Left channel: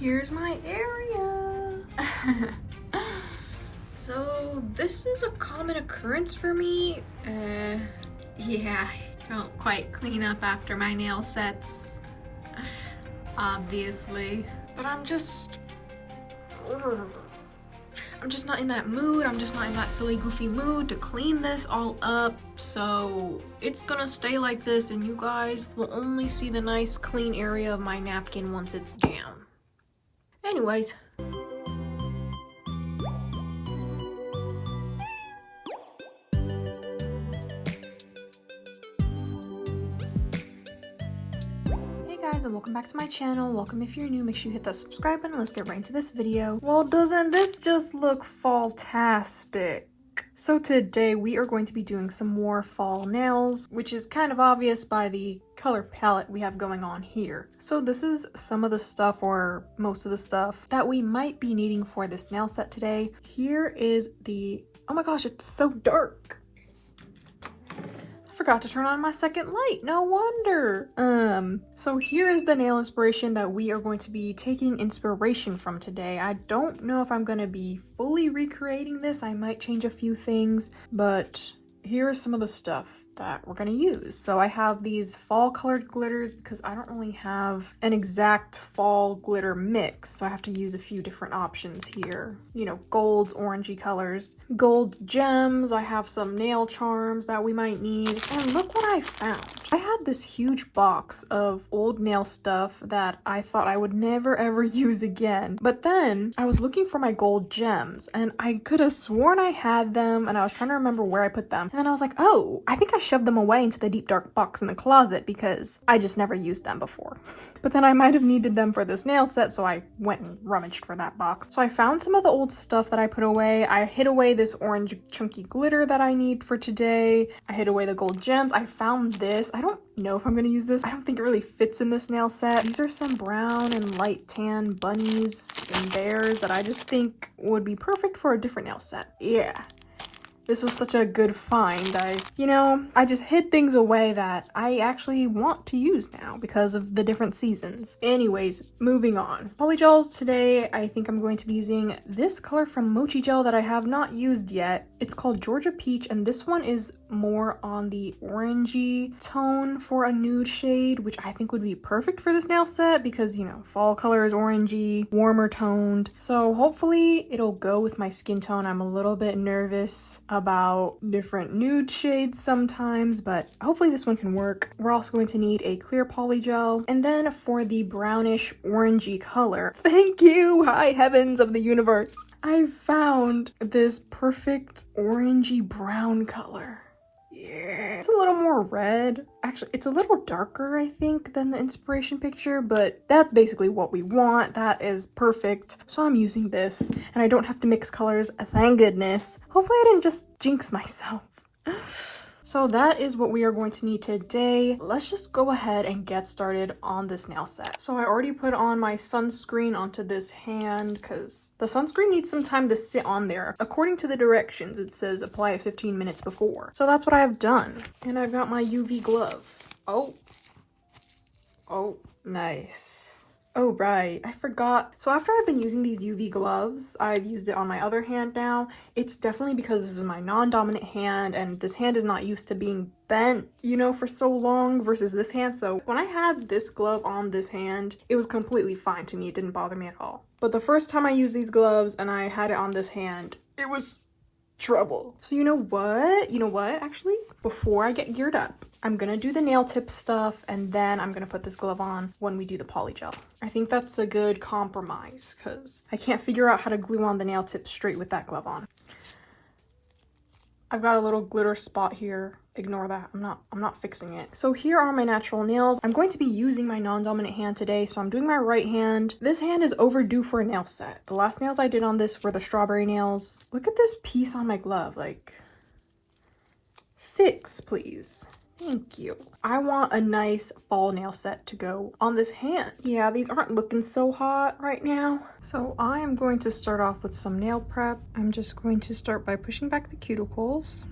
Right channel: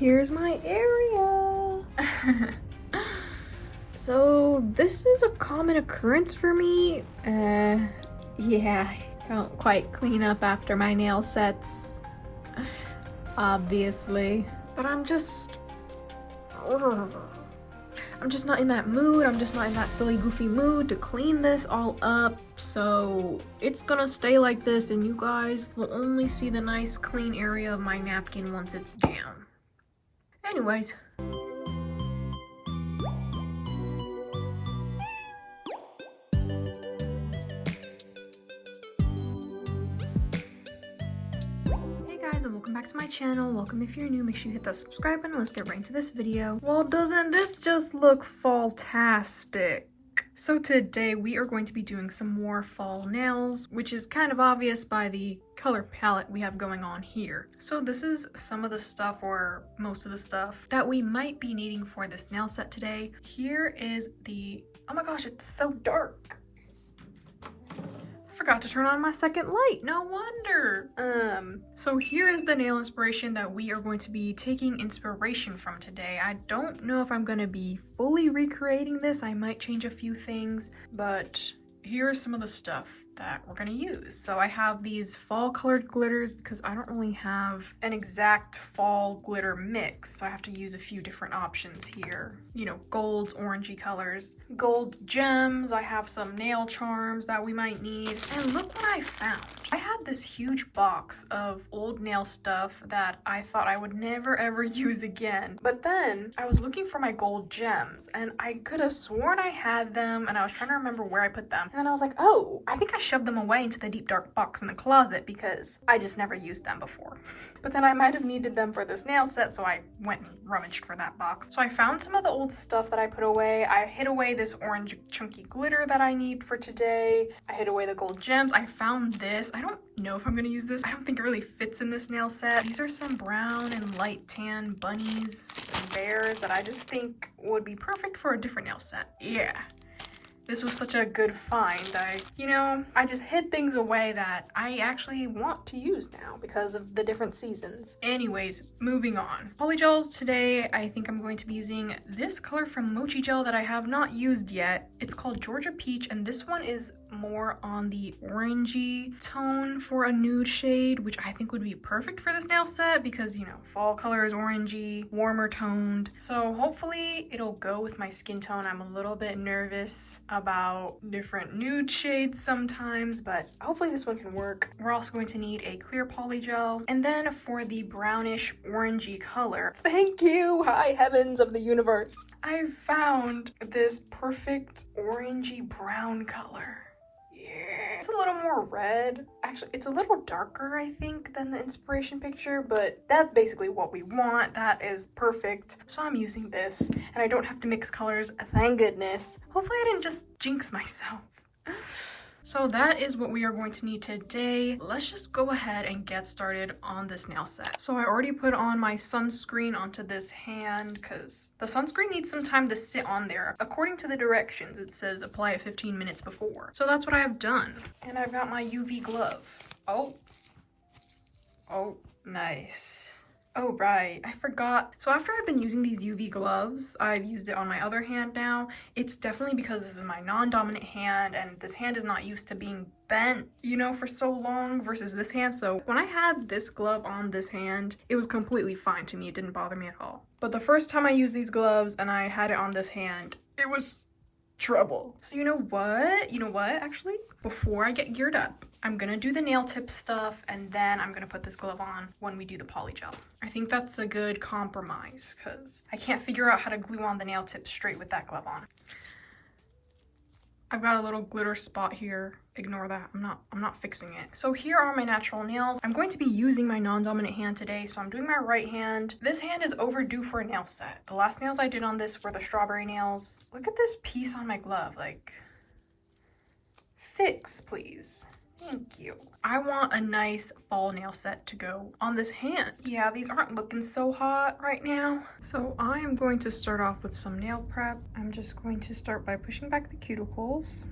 here's my area. So this is a common occurrence for me. Yeah, I don't quite clean up after my nail sets, obviously. But I'm just not in that mood. I'm just not in that silly, goofy mood to clean this all up. So it's gonna stay like this, and you guys will only see the nice, clean area of my napkin once it's down. Anyways. And welcome back to my channel. Welcome if you're new. Make sure you hit that subscribe button. Let's get right into this video. Well, doesn't this just look fall-tastic? So today we are going to be doing some more fall nails, which is kind of obvious by the color palette we have going on here. So this is some of the stuff, or most of the stuff, that we might be needing for this nail set today. Here is the, oh my gosh, it's so dark. Forgot to turn on my second light, no wonder. So here is the nail inspiration that we are going to be taking inspiration from today. I don't know if I'm gonna be fully recreating this. I might change a few things, but here's some of the stuff that we're gonna use. So I have these fall colored glitters because I don't really have an exact fall glitter mix, so I have to use a few different options here. You know, golds, orangey colors, gold gems. I have some nail charms that we might need. And look what I found. I had this huge box of old nail stuff that I thought I would never ever use again. But then I was looking for my gold gems and I could have sworn I had them, and I was trying to remember where I put them. And then I was like, oh, I think I shoved them away into the deep dark box in the closet because I just never used them before. But then I might have needed them for this nail set, so I went and rummaged for that box. So I found some of the old stuff that I put away. I hid away this orange chunky glitter that I need for today. I hid away the gold gems. I found this. I don't know if I'm gonna use this. I don't think it really fits in this nail set. These are some brown and light tan bunnies and bears that I just think would be perfect for a different nail set. Yeah. This was such a good find. I just hid things away that I actually want to use now because of the different seasons. Anyways, moving on. Polygels today, I think I'm going to be using this color from Mochi gel that I have not used yet. It's called Georgia Peach, and this one is more on the orangey tone for a nude shade, which I think would be perfect for this nail set because, you know, fall color is orangey, warmer toned. So hopefully it'll go with my skin tone. I'm a little bit nervous about different nude shades sometimes, but hopefully this one can work. We're also going to need a clear poly gel, and then for the brownish orangey color, thank you, high heavens of the universe, I found this perfect orangey brown color. It's a little more red. Actually, it's a little darker, I think, than the inspiration picture, but that's basically what we want. That is perfect. So I'm using this, and I don't have to mix colors, thank goodness. Hopefully I didn't just jinx myself. So that is what we are going to need today. Let's just go ahead and get started on this nail set. So I already put on my sunscreen onto this hand because the sunscreen needs some time to sit on there. According to the directions, it says apply it 15 minutes before. So that's what I have done. And I've got my UV glove. Oh, nice. Oh, right, I forgot. So after I've been using these UV gloves, I've used it on my other hand now. It's definitely because this is my non-dominant hand, and this hand is not used to being bent, you know, for so long versus this hand. So when I had this glove on this hand, it was completely fine to me. It didn't bother me at all. But the first time I used these gloves and I had it on this hand, it was trouble. So you know what, actually, before I get geared up, I'm gonna do the nail tip stuff, and then I'm gonna put this glove on when we do the poly gel. I think that's a good compromise because I can't figure out how to glue on the nail tip straight with that glove on. I've got a little glitter spot here. Ignore that. I'm not fixing it. So here are my natural nails. I'm going to be using my non-dominant hand today, so I'm doing my right hand. This hand is overdue for a nail set. The last nails I did on this were the strawberry nails. Look at this piece on my glove. Like, fix, please. Thank you. I want a nice fall nail set to go on this hand. Yeah, these aren't looking so hot right now. So I am going to start off with some nail prep. I'm just going to start by pushing back the cuticles.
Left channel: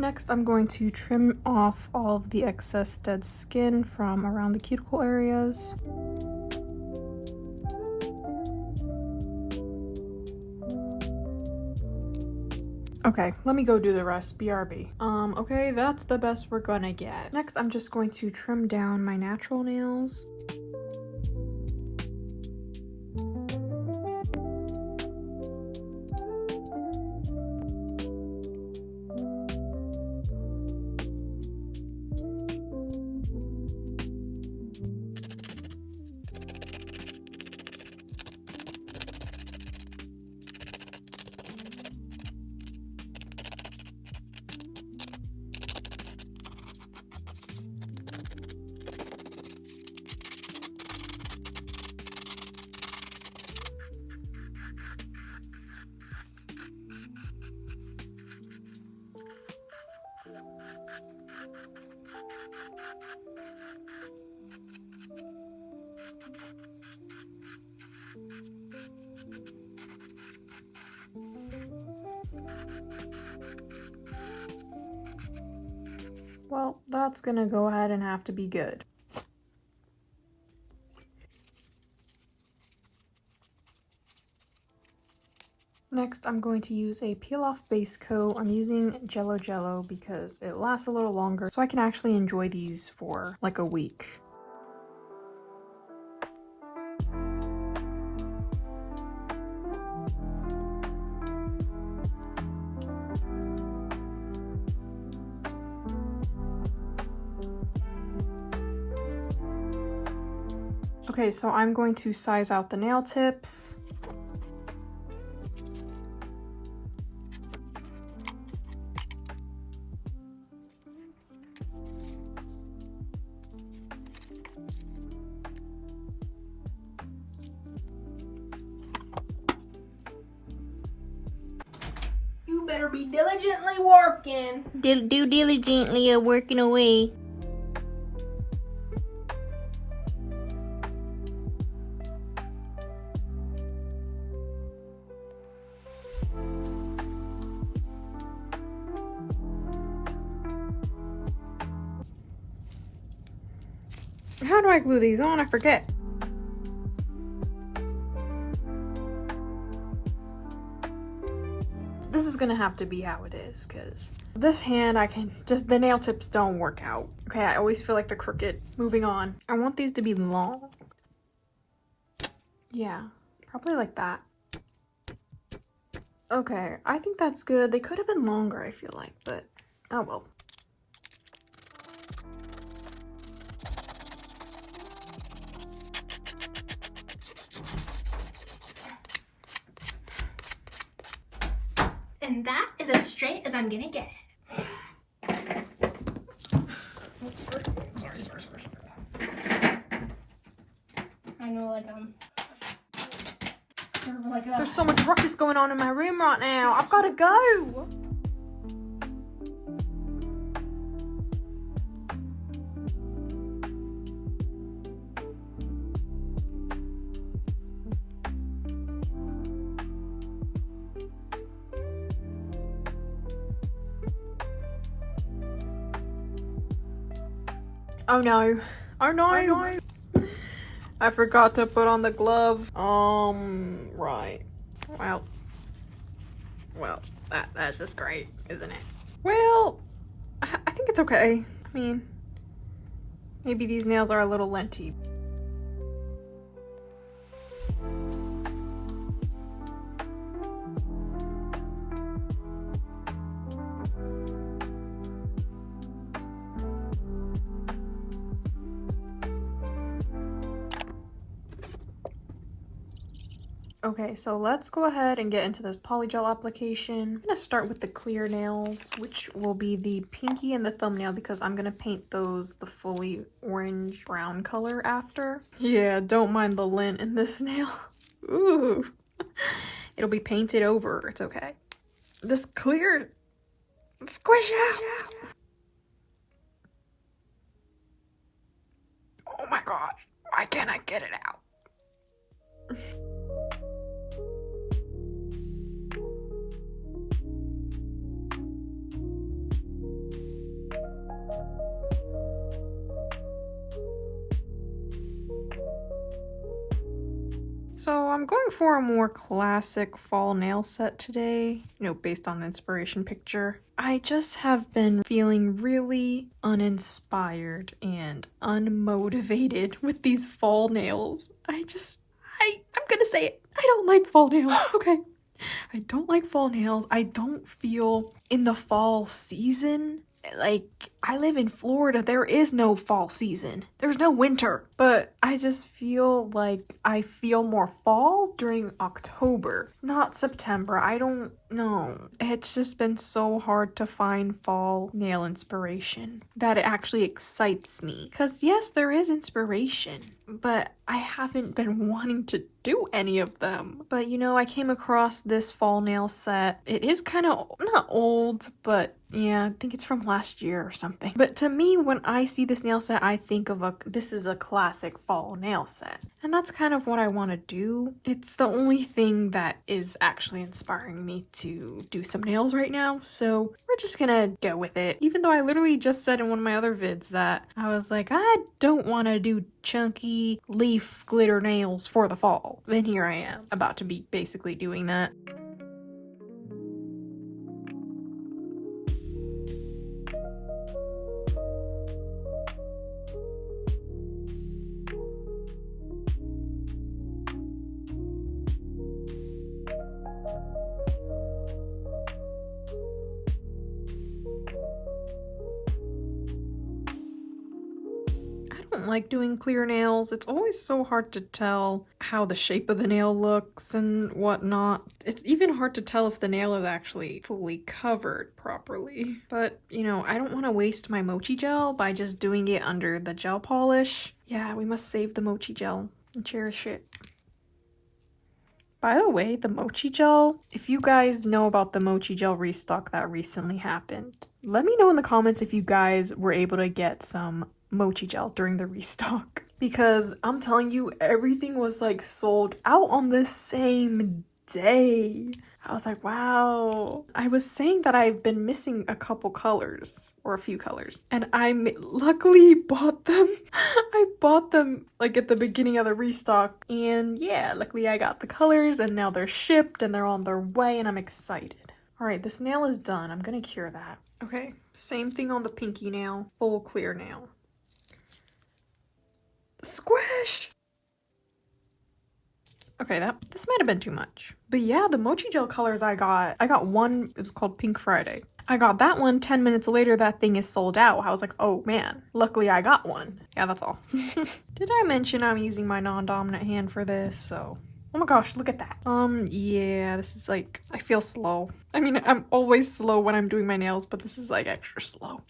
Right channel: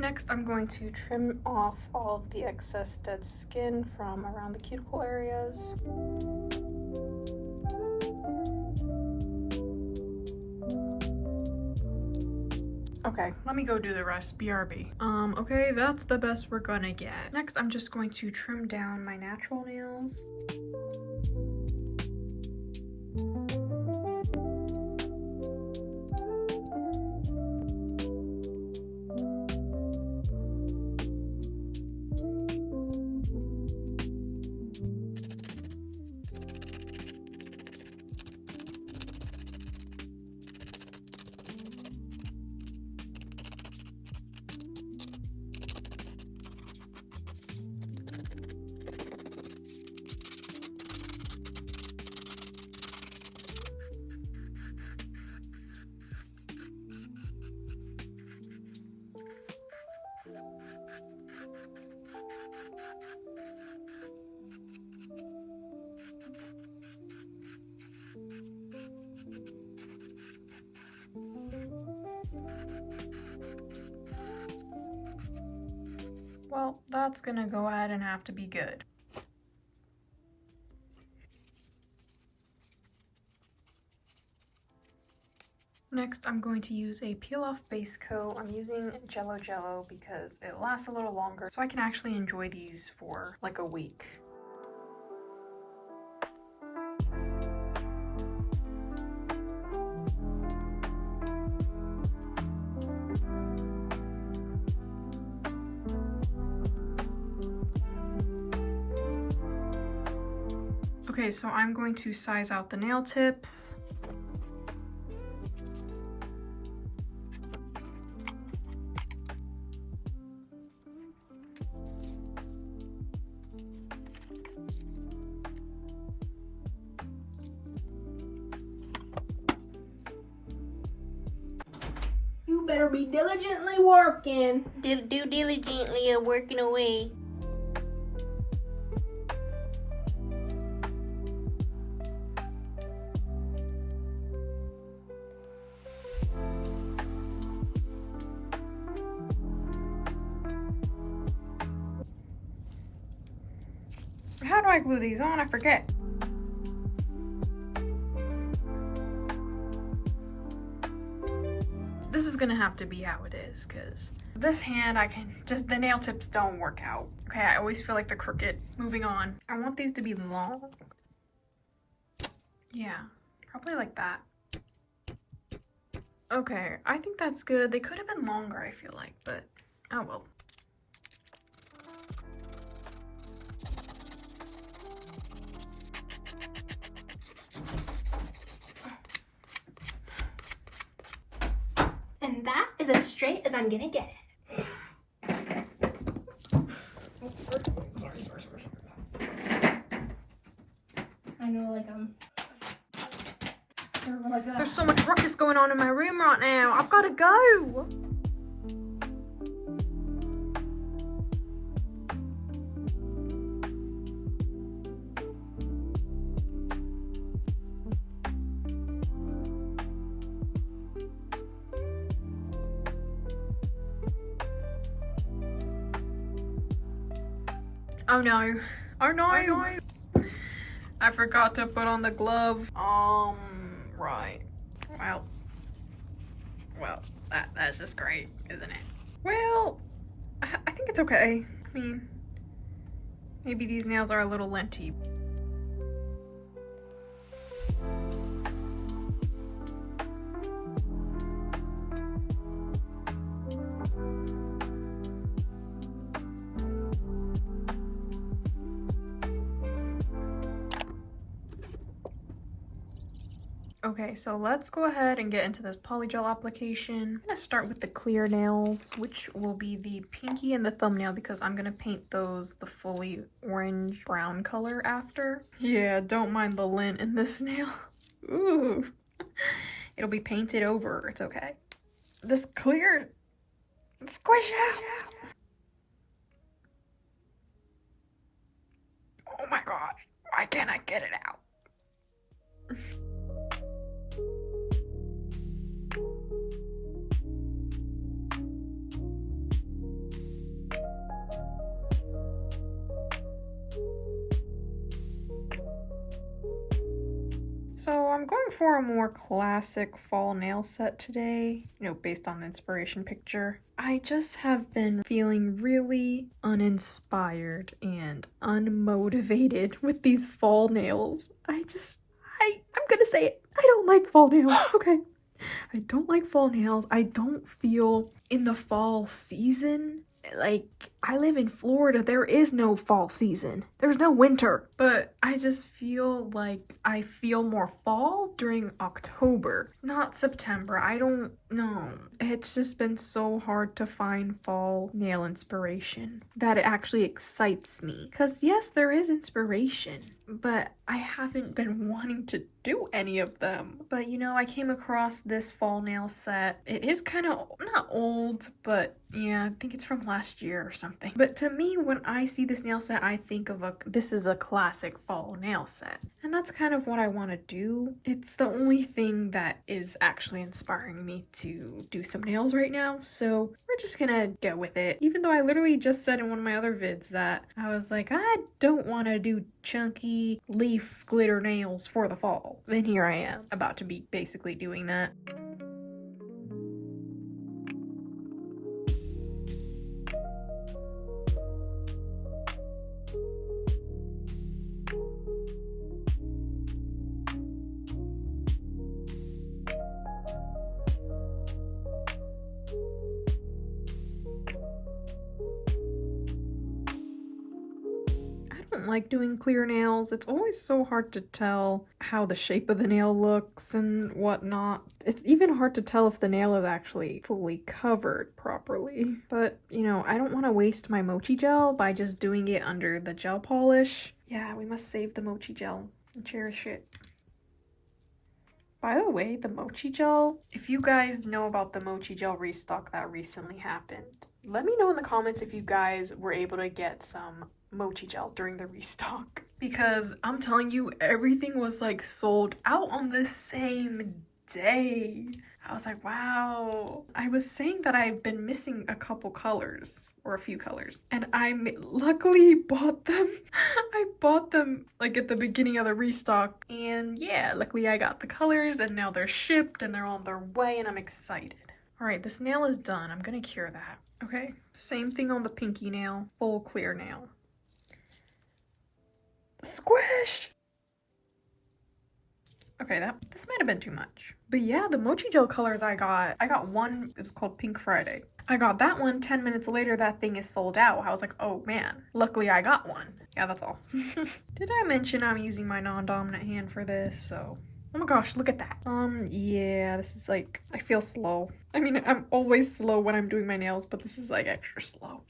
Next, I'm going to trim off all of the excess dead skin from around the cuticle areas. Okay, let me go do the rest. BRB. Okay, that's the best we're gonna get. Next, I'm just going to trim down my natural nails. Well, that's gonna go ahead and have to be good. Next, I'm going to use a peel-off base coat. I'm using Jello because it lasts a little longer, so I can actually enjoy these for like a week. Okay, so I'm going to size out the nail tips. You better be diligently working. Do diligently working away. How do I glue these on? I forget. This is gonna have to be how it is, because this hand, the nail tips don't work out. Okay, I always feel like they're crooked. Moving on. I want these to be long. Yeah, probably like that. Okay, I think that's good. They could have been longer, I feel like, but oh well. And that is as straight as I'm gonna get it. I know, There's so much ruckus going on in my room right now. I've gotta go. Oh no. Oh no. Oh, no. I forgot to put on the glove. Right. Well, that's just great, isn't it? Well, I think it's okay. I mean, maybe these nails are a little linty. Okay, so let's go ahead and get into this polygel application. I'm gonna start with the clear nails, which will be the pinky and the thumbnail, because I'm gonna paint those the fully orange brown color after. Yeah, don't mind the lint in this nail. Ooh, it'll be painted over, it's okay. This clear, squish out. Oh my gosh, why can't I get it out? So I'm going for a more classic fall nail set today, based on the inspiration picture. I just have been feeling really uninspired and unmotivated with these fall nails. I'm gonna say it. I don't like fall nails, okay? I don't like fall nails. I don't feel in the fall season. Like, I live in Florida. There is no fall season. There's no winter. But I just feel like I feel more fall during October, not September. I don't know. It's just been so hard to find fall nail inspiration that it actually excites me. Because yes, there is inspiration, but I haven't been wanting to do any of them. But I came across this fall nail set. It is kind of not old, but yeah, I think it's from last year or something. But to me, when I see this nail set, I think of this is a classic fall nail set. And that's kind of what I want to do. It's the only thing that is actually inspiring me to do some nails right now. So we're just gonna go with it. Even though I literally just said in one of my other vids that I was like, I don't want to do chunky leaf glitter nails for the fall. And here I am, about to be basically doing that. I don't like doing clear nails. It's always so hard to tell how the shape of the nail looks and whatnot. It's even hard to tell if the nail is actually fully covered properly. But, I don't want to waste my Mochi gel by just doing it under the gel polish. Yeah, we must save the Mochi gel and cherish it. By the way, the Mochi gel, if you guys know about the Mochi gel restock that recently happened, let me know in the comments if you guys were able to get some Mochi gel during the restock. Because I'm telling you, everything was like sold out on the same day. I was like, wow. I was saying that I've been missing a couple colors, or a few colors, and I luckily bought them. I bought them like at the beginning of the restock, and yeah, luckily I got the colors, and now they're shipped and they're on their way, and I'm excited. All right, this nail is done. I'm gonna cure that. Okay, same thing on the pinky nail, full clear nail. Squish! Okay, this might have been too much. But yeah, the Mochi gel colors I got one, it was called Pink Friday. I got that one, 10 minutes later, that thing is sold out. I was like, oh man, luckily I got one. Yeah, that's all. Did I mention I'm using my non-dominant hand for this? So, oh my gosh, look at that. Yeah, this is like, I feel slow. I mean, I'm always slow when I'm doing my nails, but this is like extra slow.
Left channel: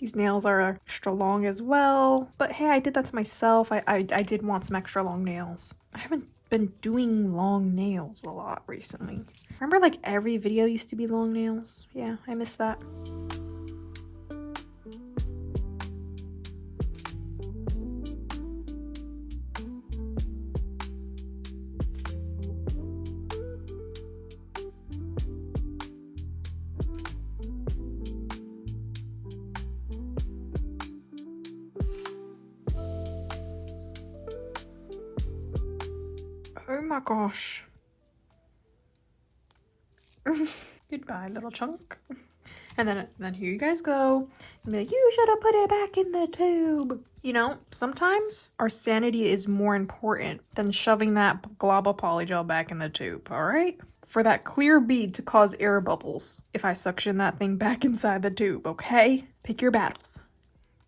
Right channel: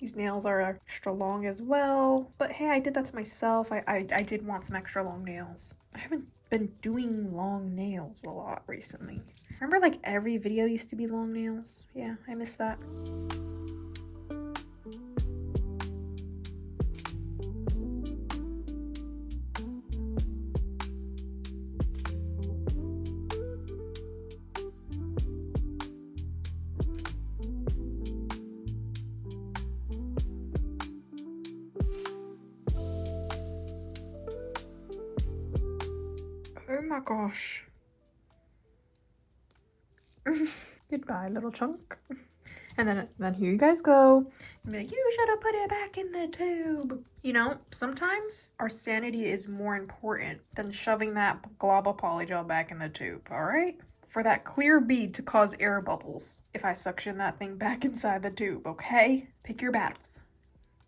These nails are extra long as well. But hey, I did that to myself. I did want some extra long nails. I haven't been doing long nails a lot recently. Remember like every video used to be long nails? Yeah, I miss that. Oh my gosh. Goodbye, little chunk. And then here you guys go. And be like, you should have put it back in the tube. Sometimes our sanity is more important than shoving that glob of polygel back in the tube, alright? For that clear bead to cause air bubbles if I suction that thing back inside the tube, okay? Pick your battles.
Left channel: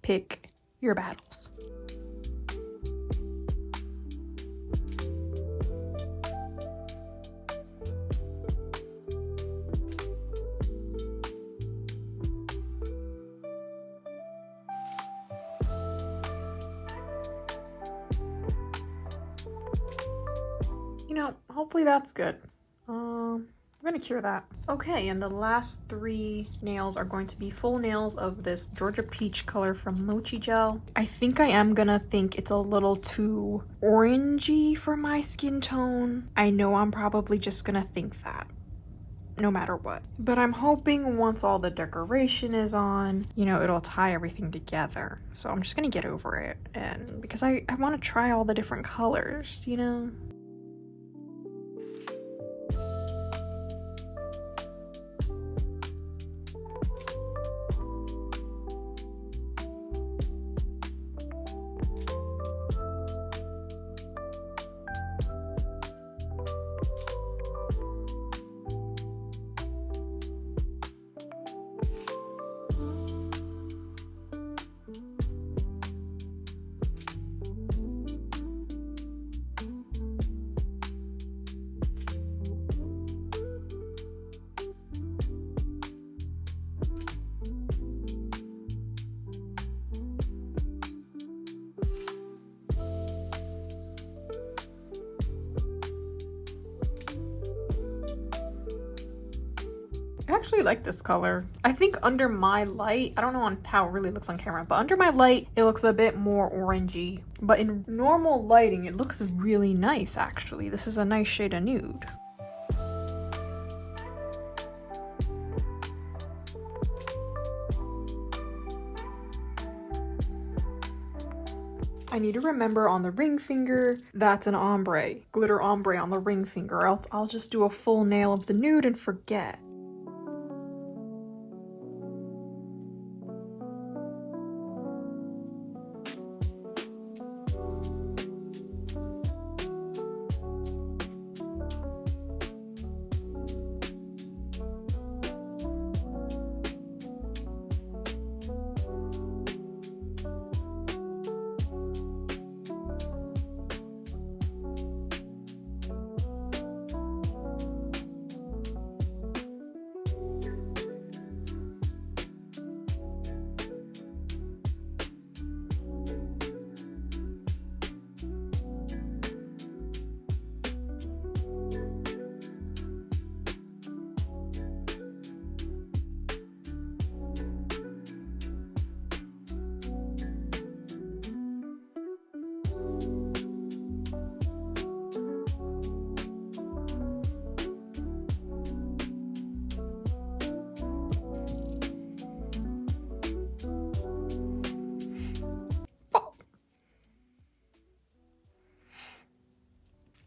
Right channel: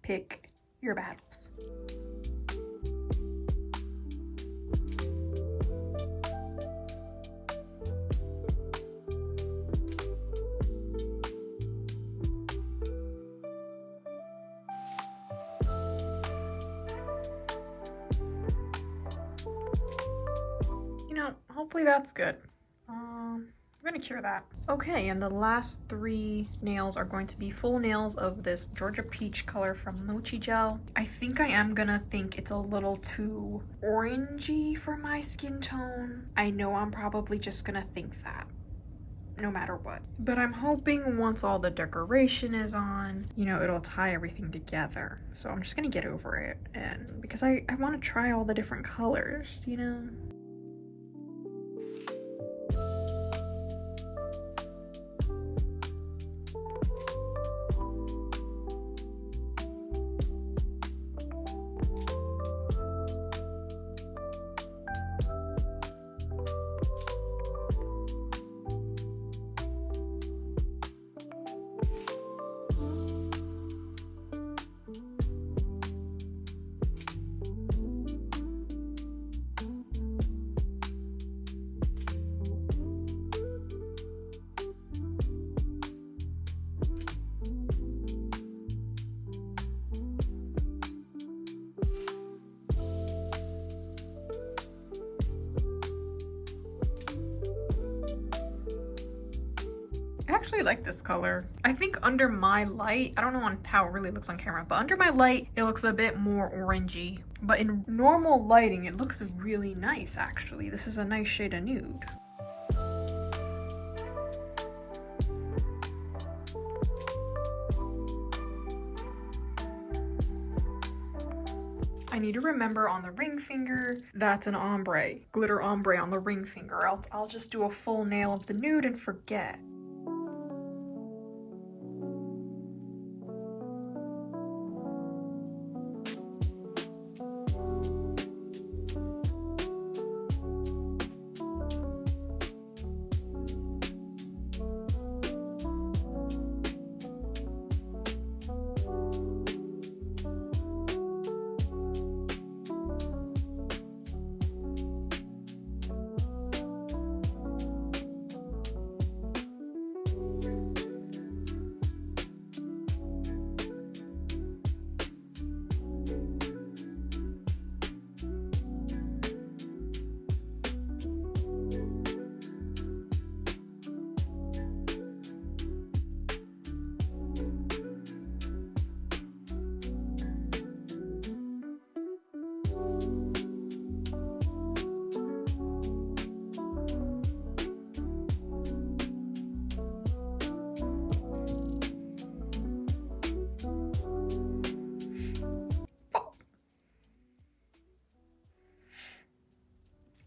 Pick your battles. Hopefully that's good. I'm gonna cure that. Okay, and the last 3 nails are going to be full nails of this Georgia Peach color from Mochi Gel. I think I am gonna think it's a little too orangey for my skin tone. I know I'm probably just gonna think that, no matter what. But I'm hoping once all the decoration is on, it'll tie everything together. So I'm just gonna get over it, and because I want to try all the different colors, actually like this color. I think under my light, I don't know on how it really looks on camera, but under my light, it looks a bit more orangey. But in normal lighting, it looks really nice, actually. This is a nice shade of nude. I need to remember on the ring finger, that's an ombre, glitter ombre on the ring finger, or else I'll just do a full nail of the nude and forget.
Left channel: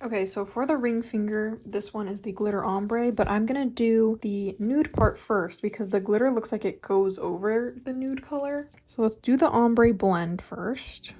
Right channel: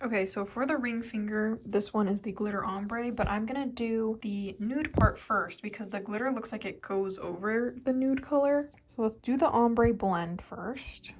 Okay, so for the ring finger, this one is the glitter ombre, but I'm gonna do the nude part first because the glitter looks like it goes over the nude color. So let's do the ombre blend first.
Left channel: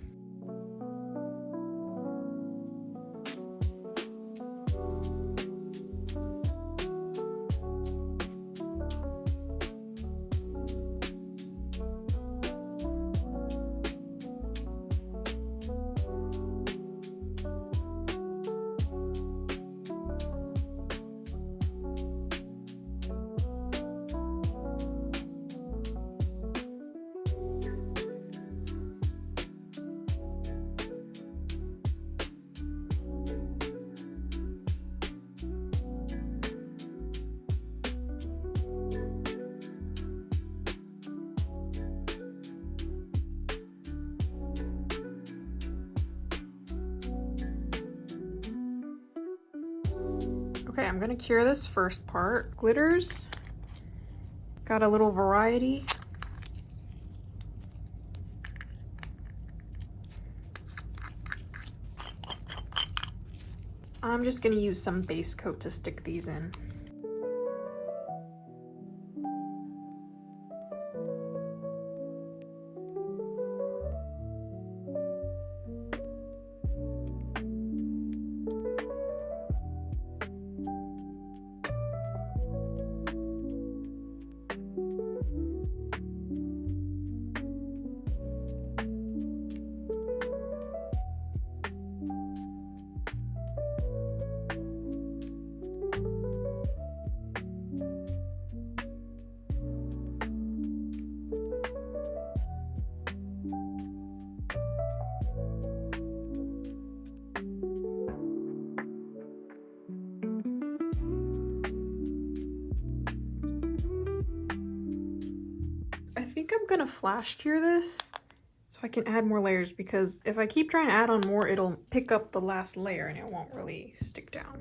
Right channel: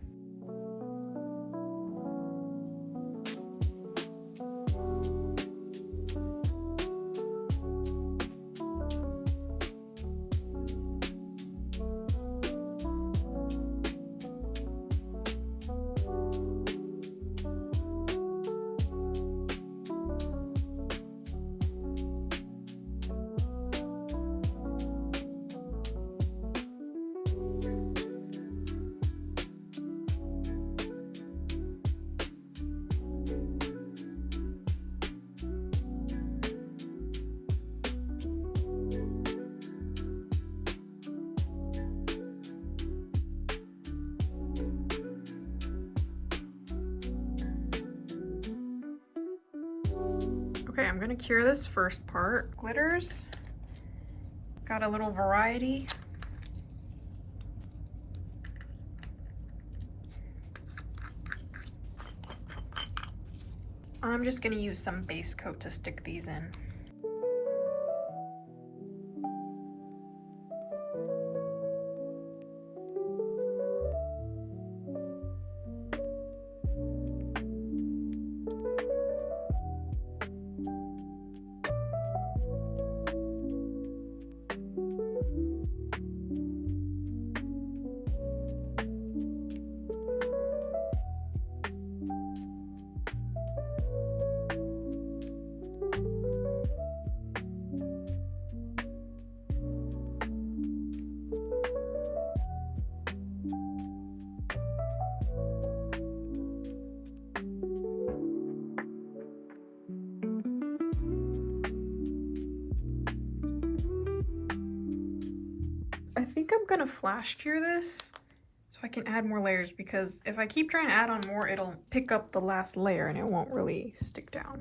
Okay, I'm gonna cure this first part. Glitters, got a little variety. I'm just gonna use some base coat to stick these in. I think I'm gonna flash cure this so I can add more layers, because if I keep trying to add on more, it'll pick up the last layer and it won't really stick down.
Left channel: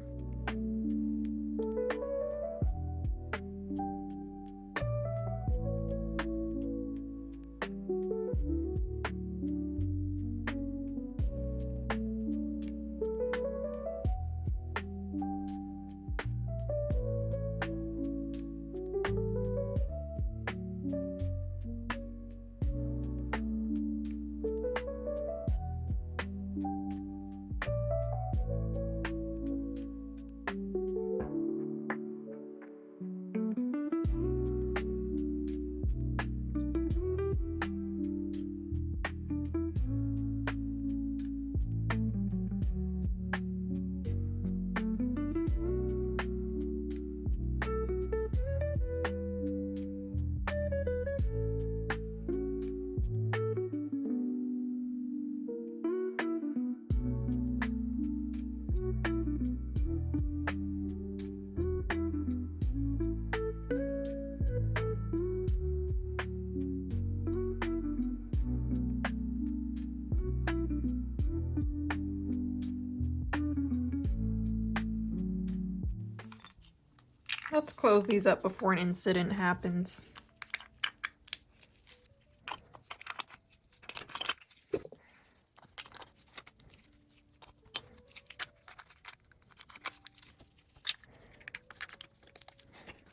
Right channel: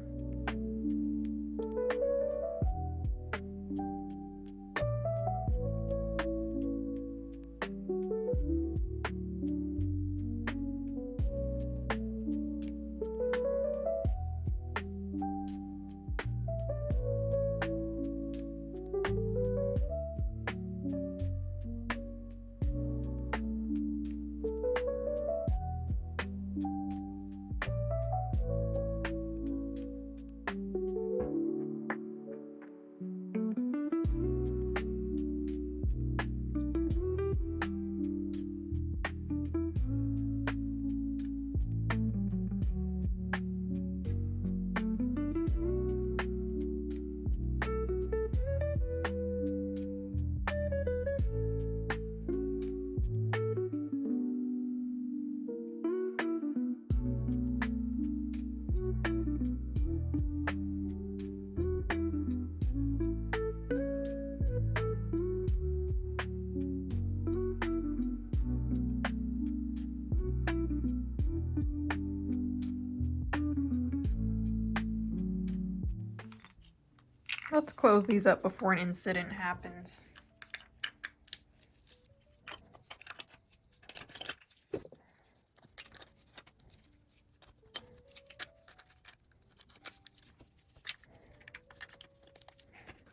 Let's close these up before an incident happens.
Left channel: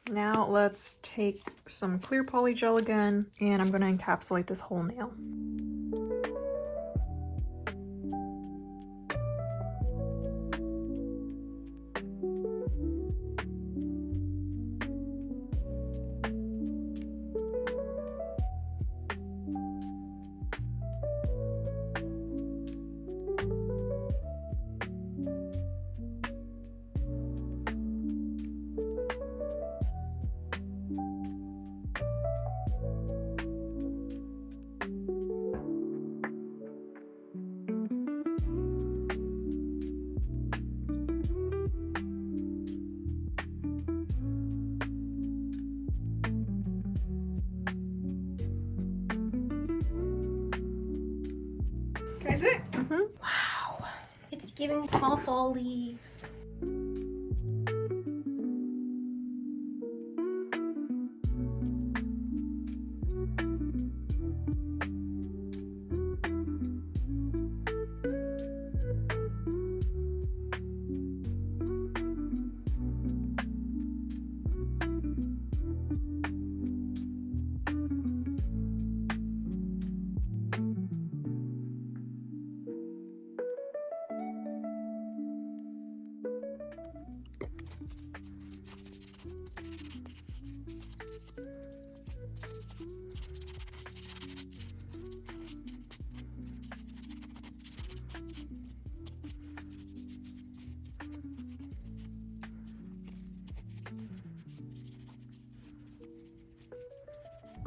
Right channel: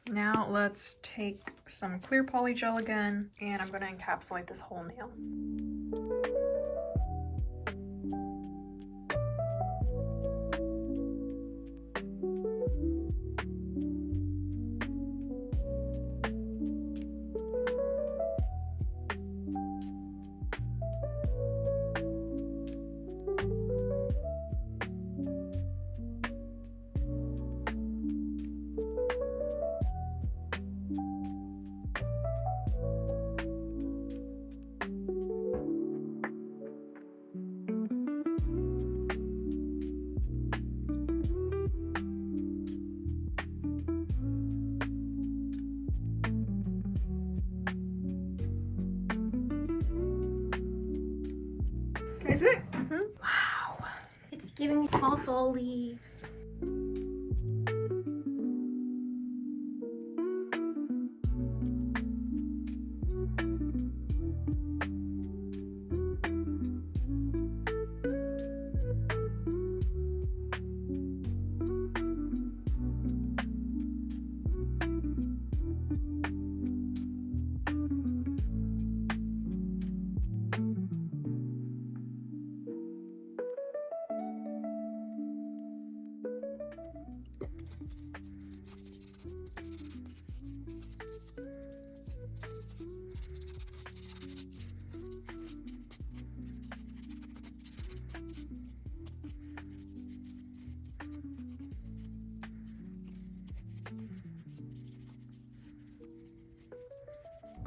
Now let's take some clear polygel again, and I'm going to encapsulate this whole nail. Can I see it? Wow. It's giving fall leaves.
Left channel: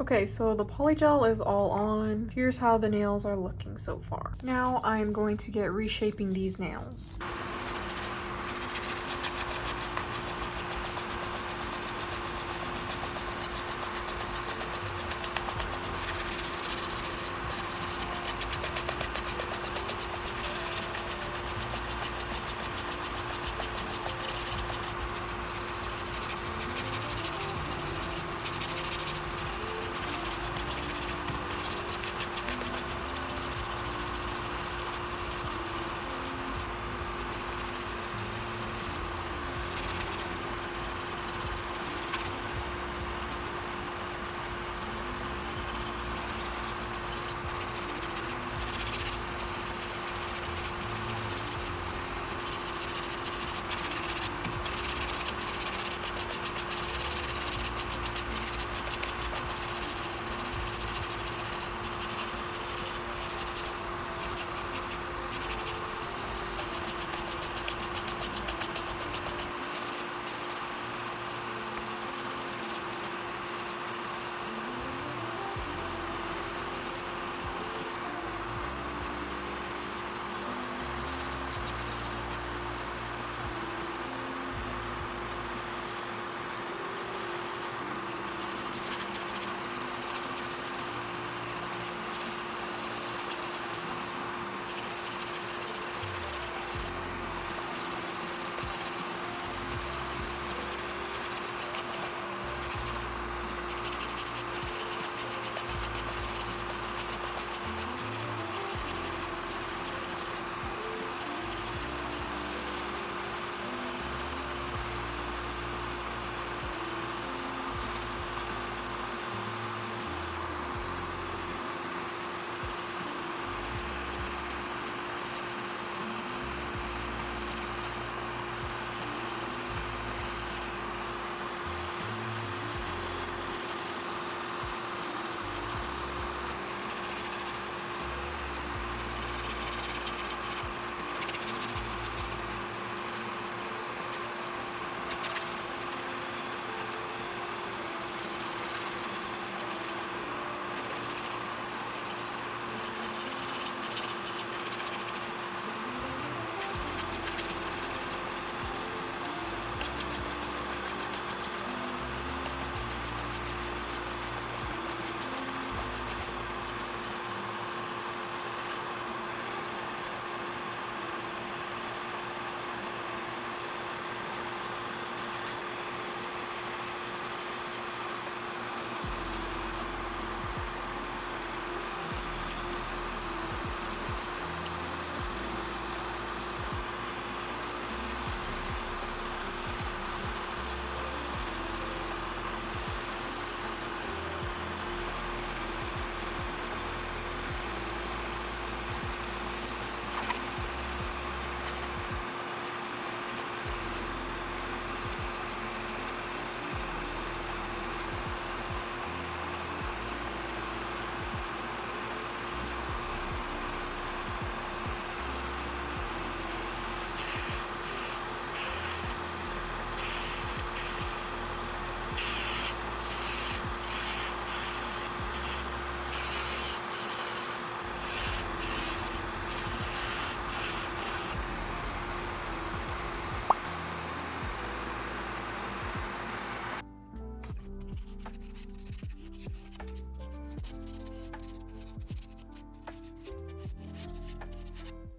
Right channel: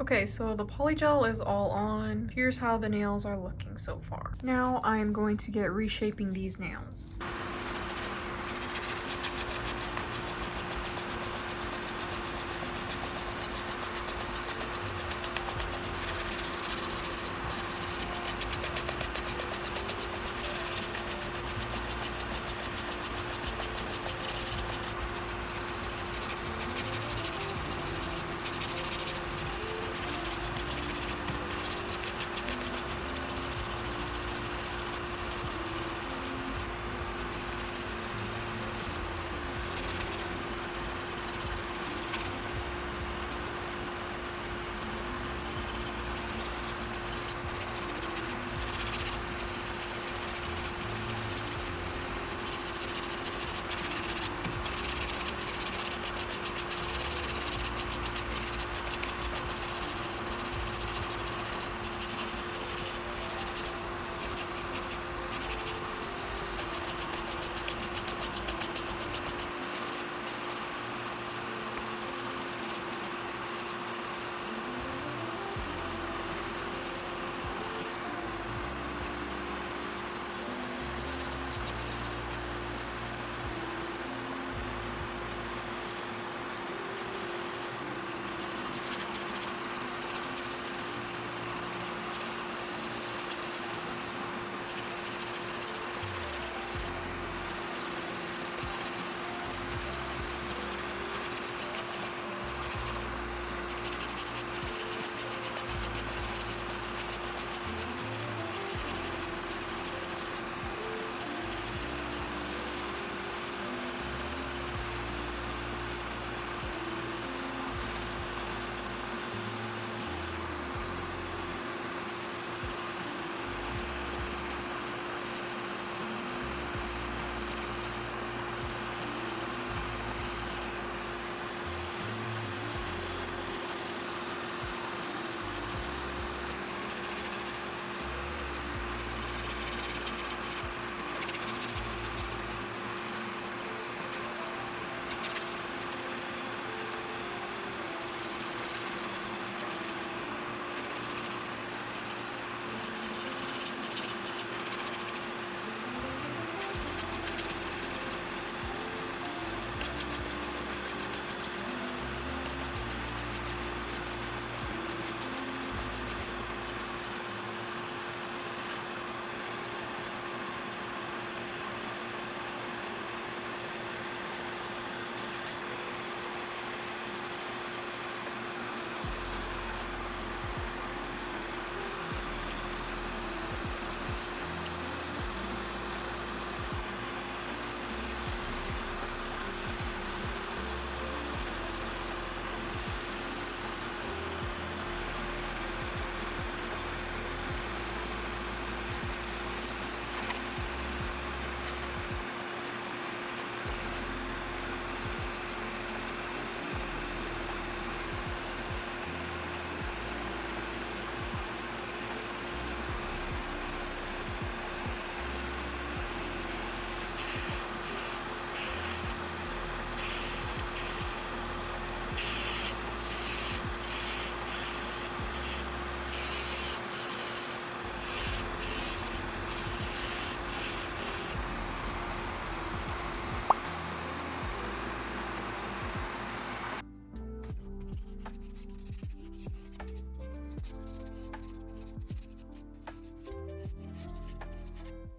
Okay, so the polygel is all on. Here's how the nails are looking so far. Now I'm going to get reshaping these nails.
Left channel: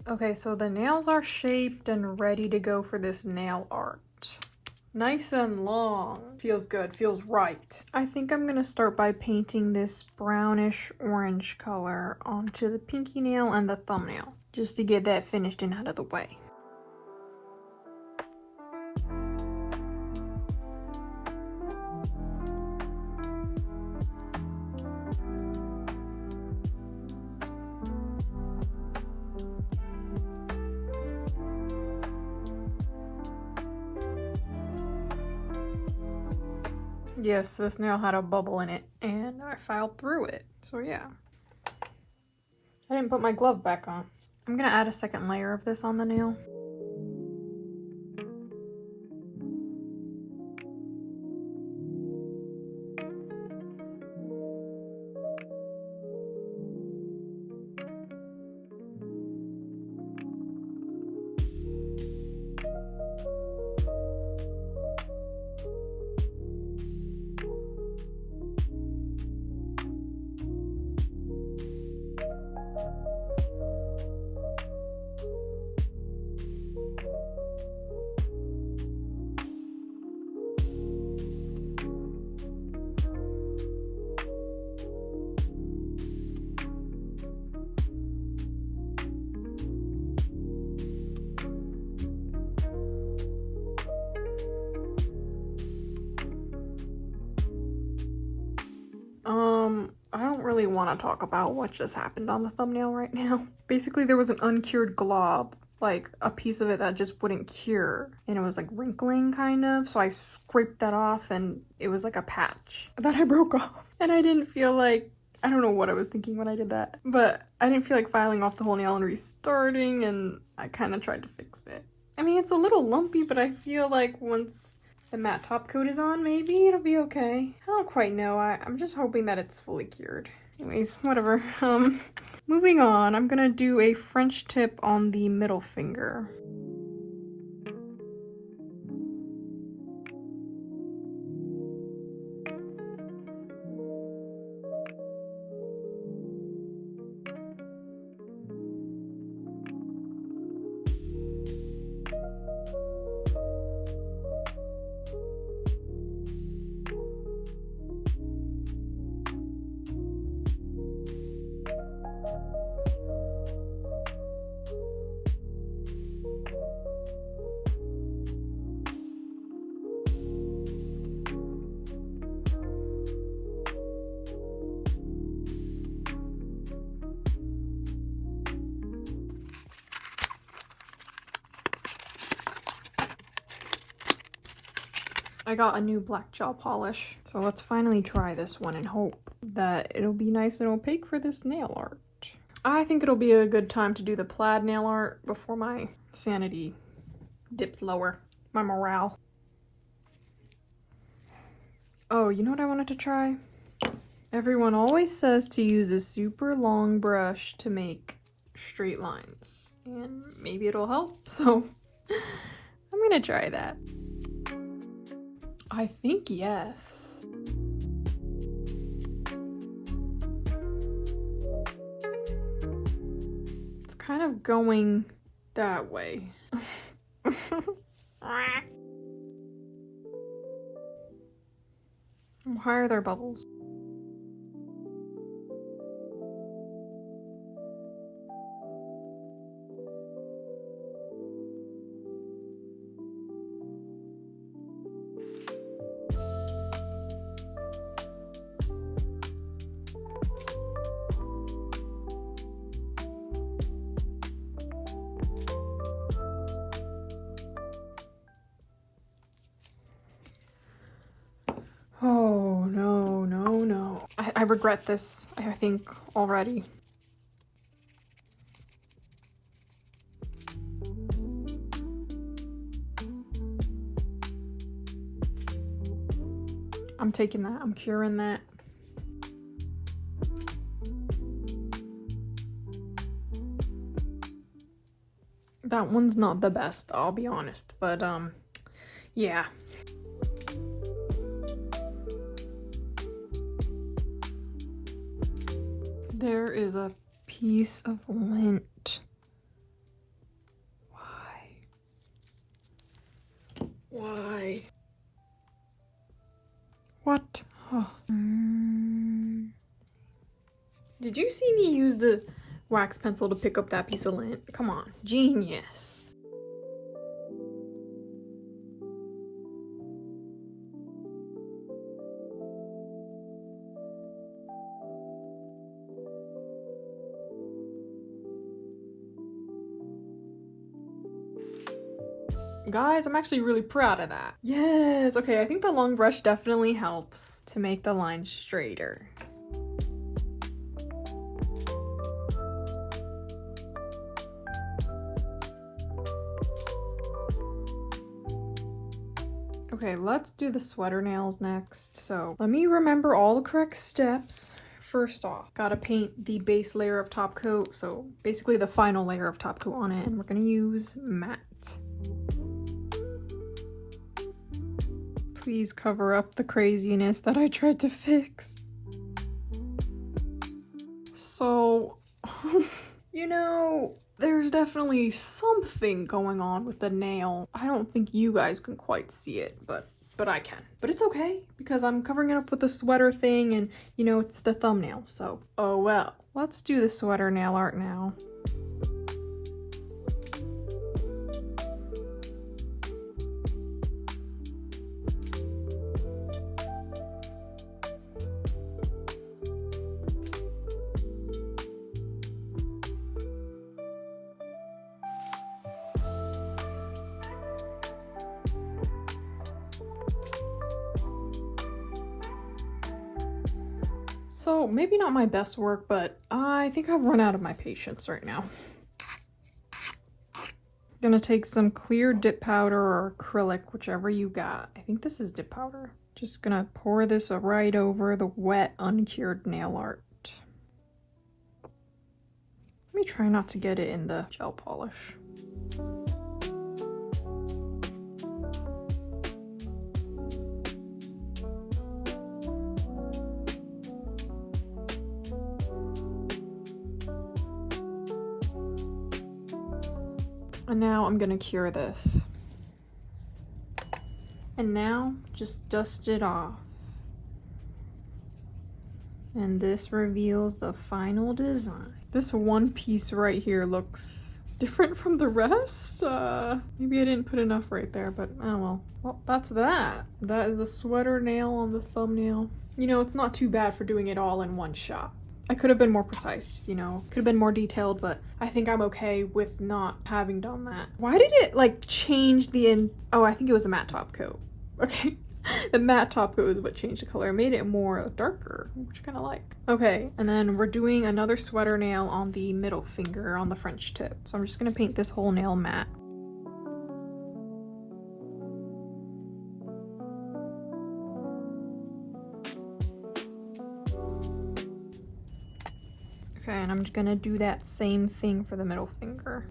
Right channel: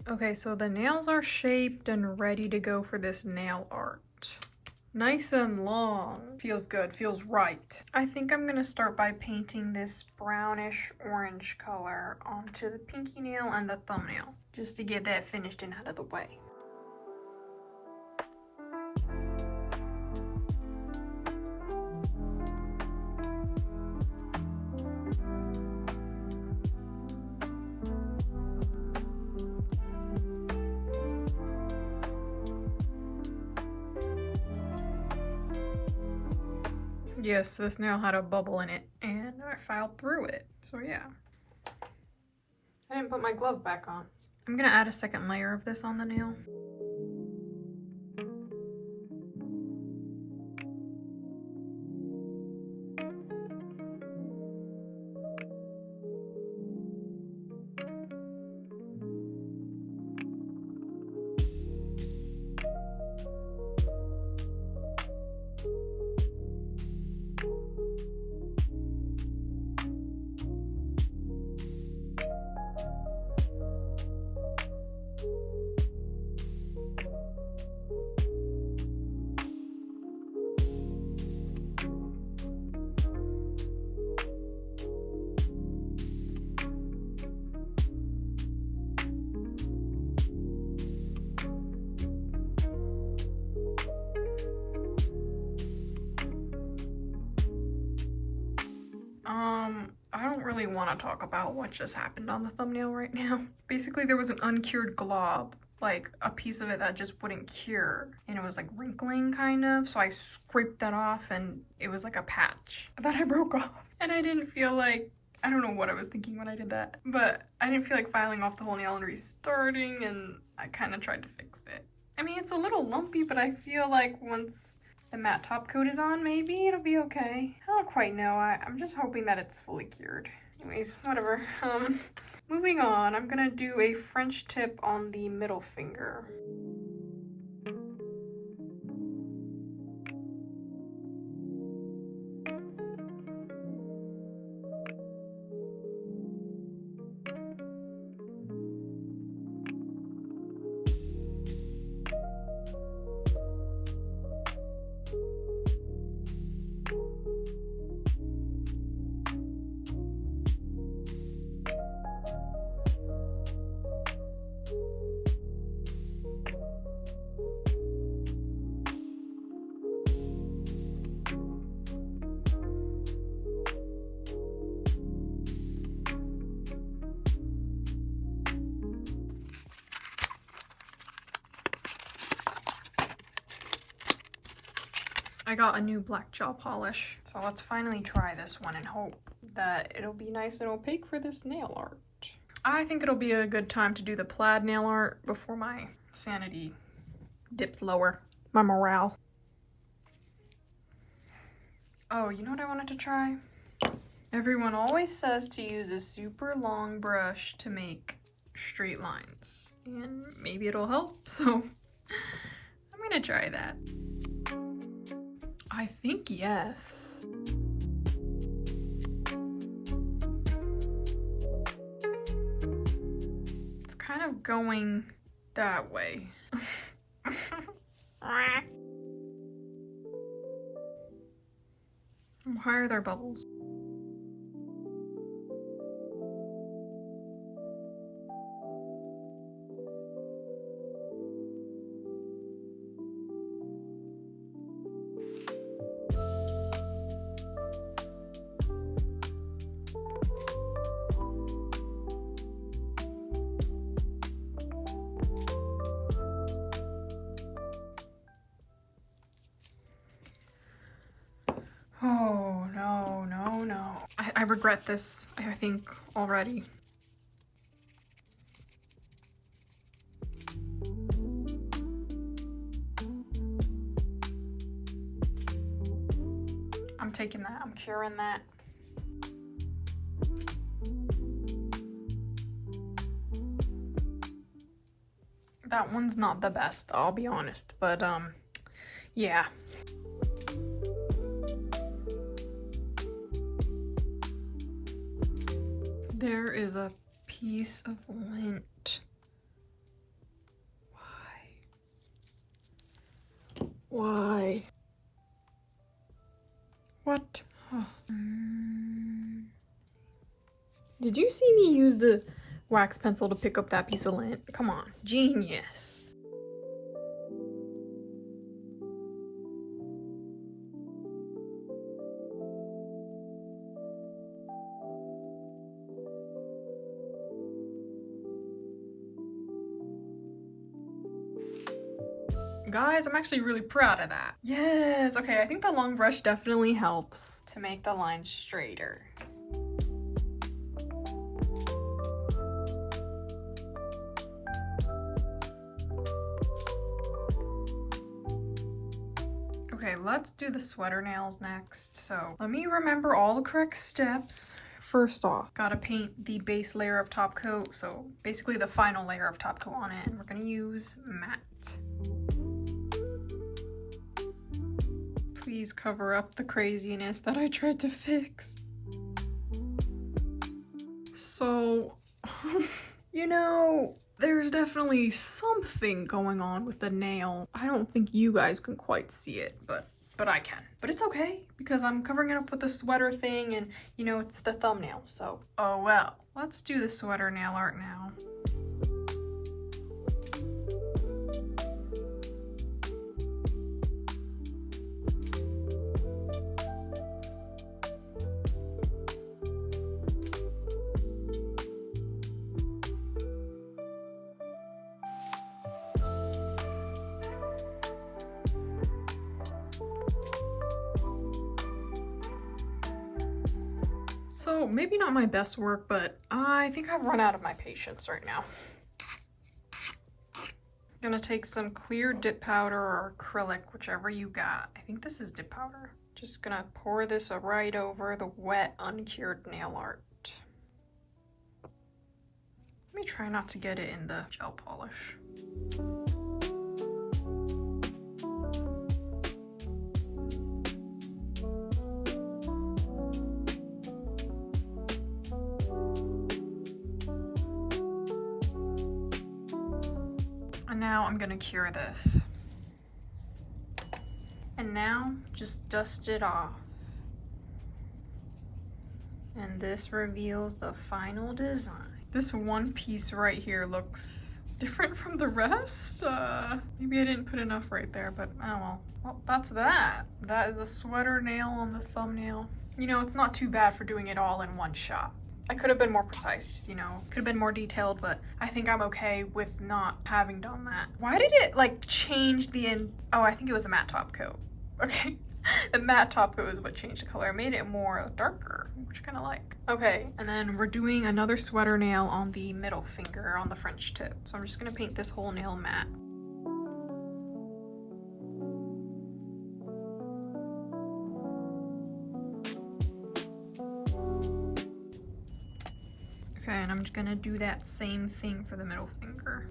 Okay, so the nails are shaped and ready to go for this nail art. Nice and long. Feels good, feels right. I think I'm gonna start by painting this brownish orange color onto the pinky nail and the thumbnail, just to get that finished and out of the way. Yes, this nail had a bubble in it, and I filed through it. So yeah. I didn't put my glove back on. I'm gonna add a second layer of this on the nail. I don't really want to talk about what just happened on the thumbnail right now. Basically, there was an uncured glob, like a piece of it that just wouldn't cure, and it was like wrinkling kind of, so I scraped that off and it was like a patch that I broke off. And I didn't feel like, I don't know what I was thinking when I did that, but I didn't feel like filing off the whole nail and restarting, and I kind of tried to fix it. I mean, it's a little lumpy, but I feel like once the matte top coat is on, maybe it'll be okay. I don't quite know. I'm just hoping that it's fully cured. Anyways, whatever. Moving on, I'm gonna do a French tip on the middle finger. I got a new black gel polish, so let's finally try this one and hope that it'll be nice and opaque for this nail art. I think it'll be a good time to do the plaid nail art before my sanity dips lower, my morale. Oh, you know what I wanted to try? Everyone always says to use a super long brush to make straight lines, and maybe it'll help, so I'm gonna try that. I think yes. It's kind of going that way. Why are there bubbles? Oh, no, no, no. I regret this, I think, already. I'm taking that, I'm curing that. That one's not the best, I'll be honest, but yeah. There is a piece of lint Why? What? Oh. Did you see me use the wax pencil to pick up that piece of lint? Come on, genius. Guys, I'm actually really proud of that. Yes, okay, I think the long brush definitely helps to make the line straighter. Okay, let's do the sweater nails next. So let me remember all the correct steps. First off, gotta paint the base layer of top coat, so basically the final layer of top coat on it, and we're gonna use matte. Please cover up the craziness that I tried to fix. So, you know, there's definitely something going on with the nail. I don't think you guys can quite see it, but I can. But it's okay, because I'm covering it up with the sweater thing, and, you know, it's the thumbnail, so oh well. Let's do the sweater nail art now. So maybe not my best work, but I think I've run out of my patience right now. Gonna take some clear dip powder or acrylic, whichever you got. I think this is dip powder. Just gonna pour this right over the wet, uncured nail art. Let me try not to get it in the gel polish. And now I'm gonna cure this. And now just dust it off. And this reveals the final design. This one piece right here looks different from the rest. Maybe I didn't put enough right there, but oh well. Well, that's that. That is the sweater nail on the thumbnail. You know, it's not too bad for doing it all in one shot. I could have been more precise, you know, could have been more detailed, but I think I'm okay with not having done that. Why did it like change the oh, I think it was the matte top coat. Okay, the matte top coat is what changed the color. It made it more darker, which I kind of like. Okay, and then we're doing another sweater nail on the middle finger on the French tip. So I'm just gonna paint this whole nail matte. Okay, and I'm just gonna do that same thing for the middle finger.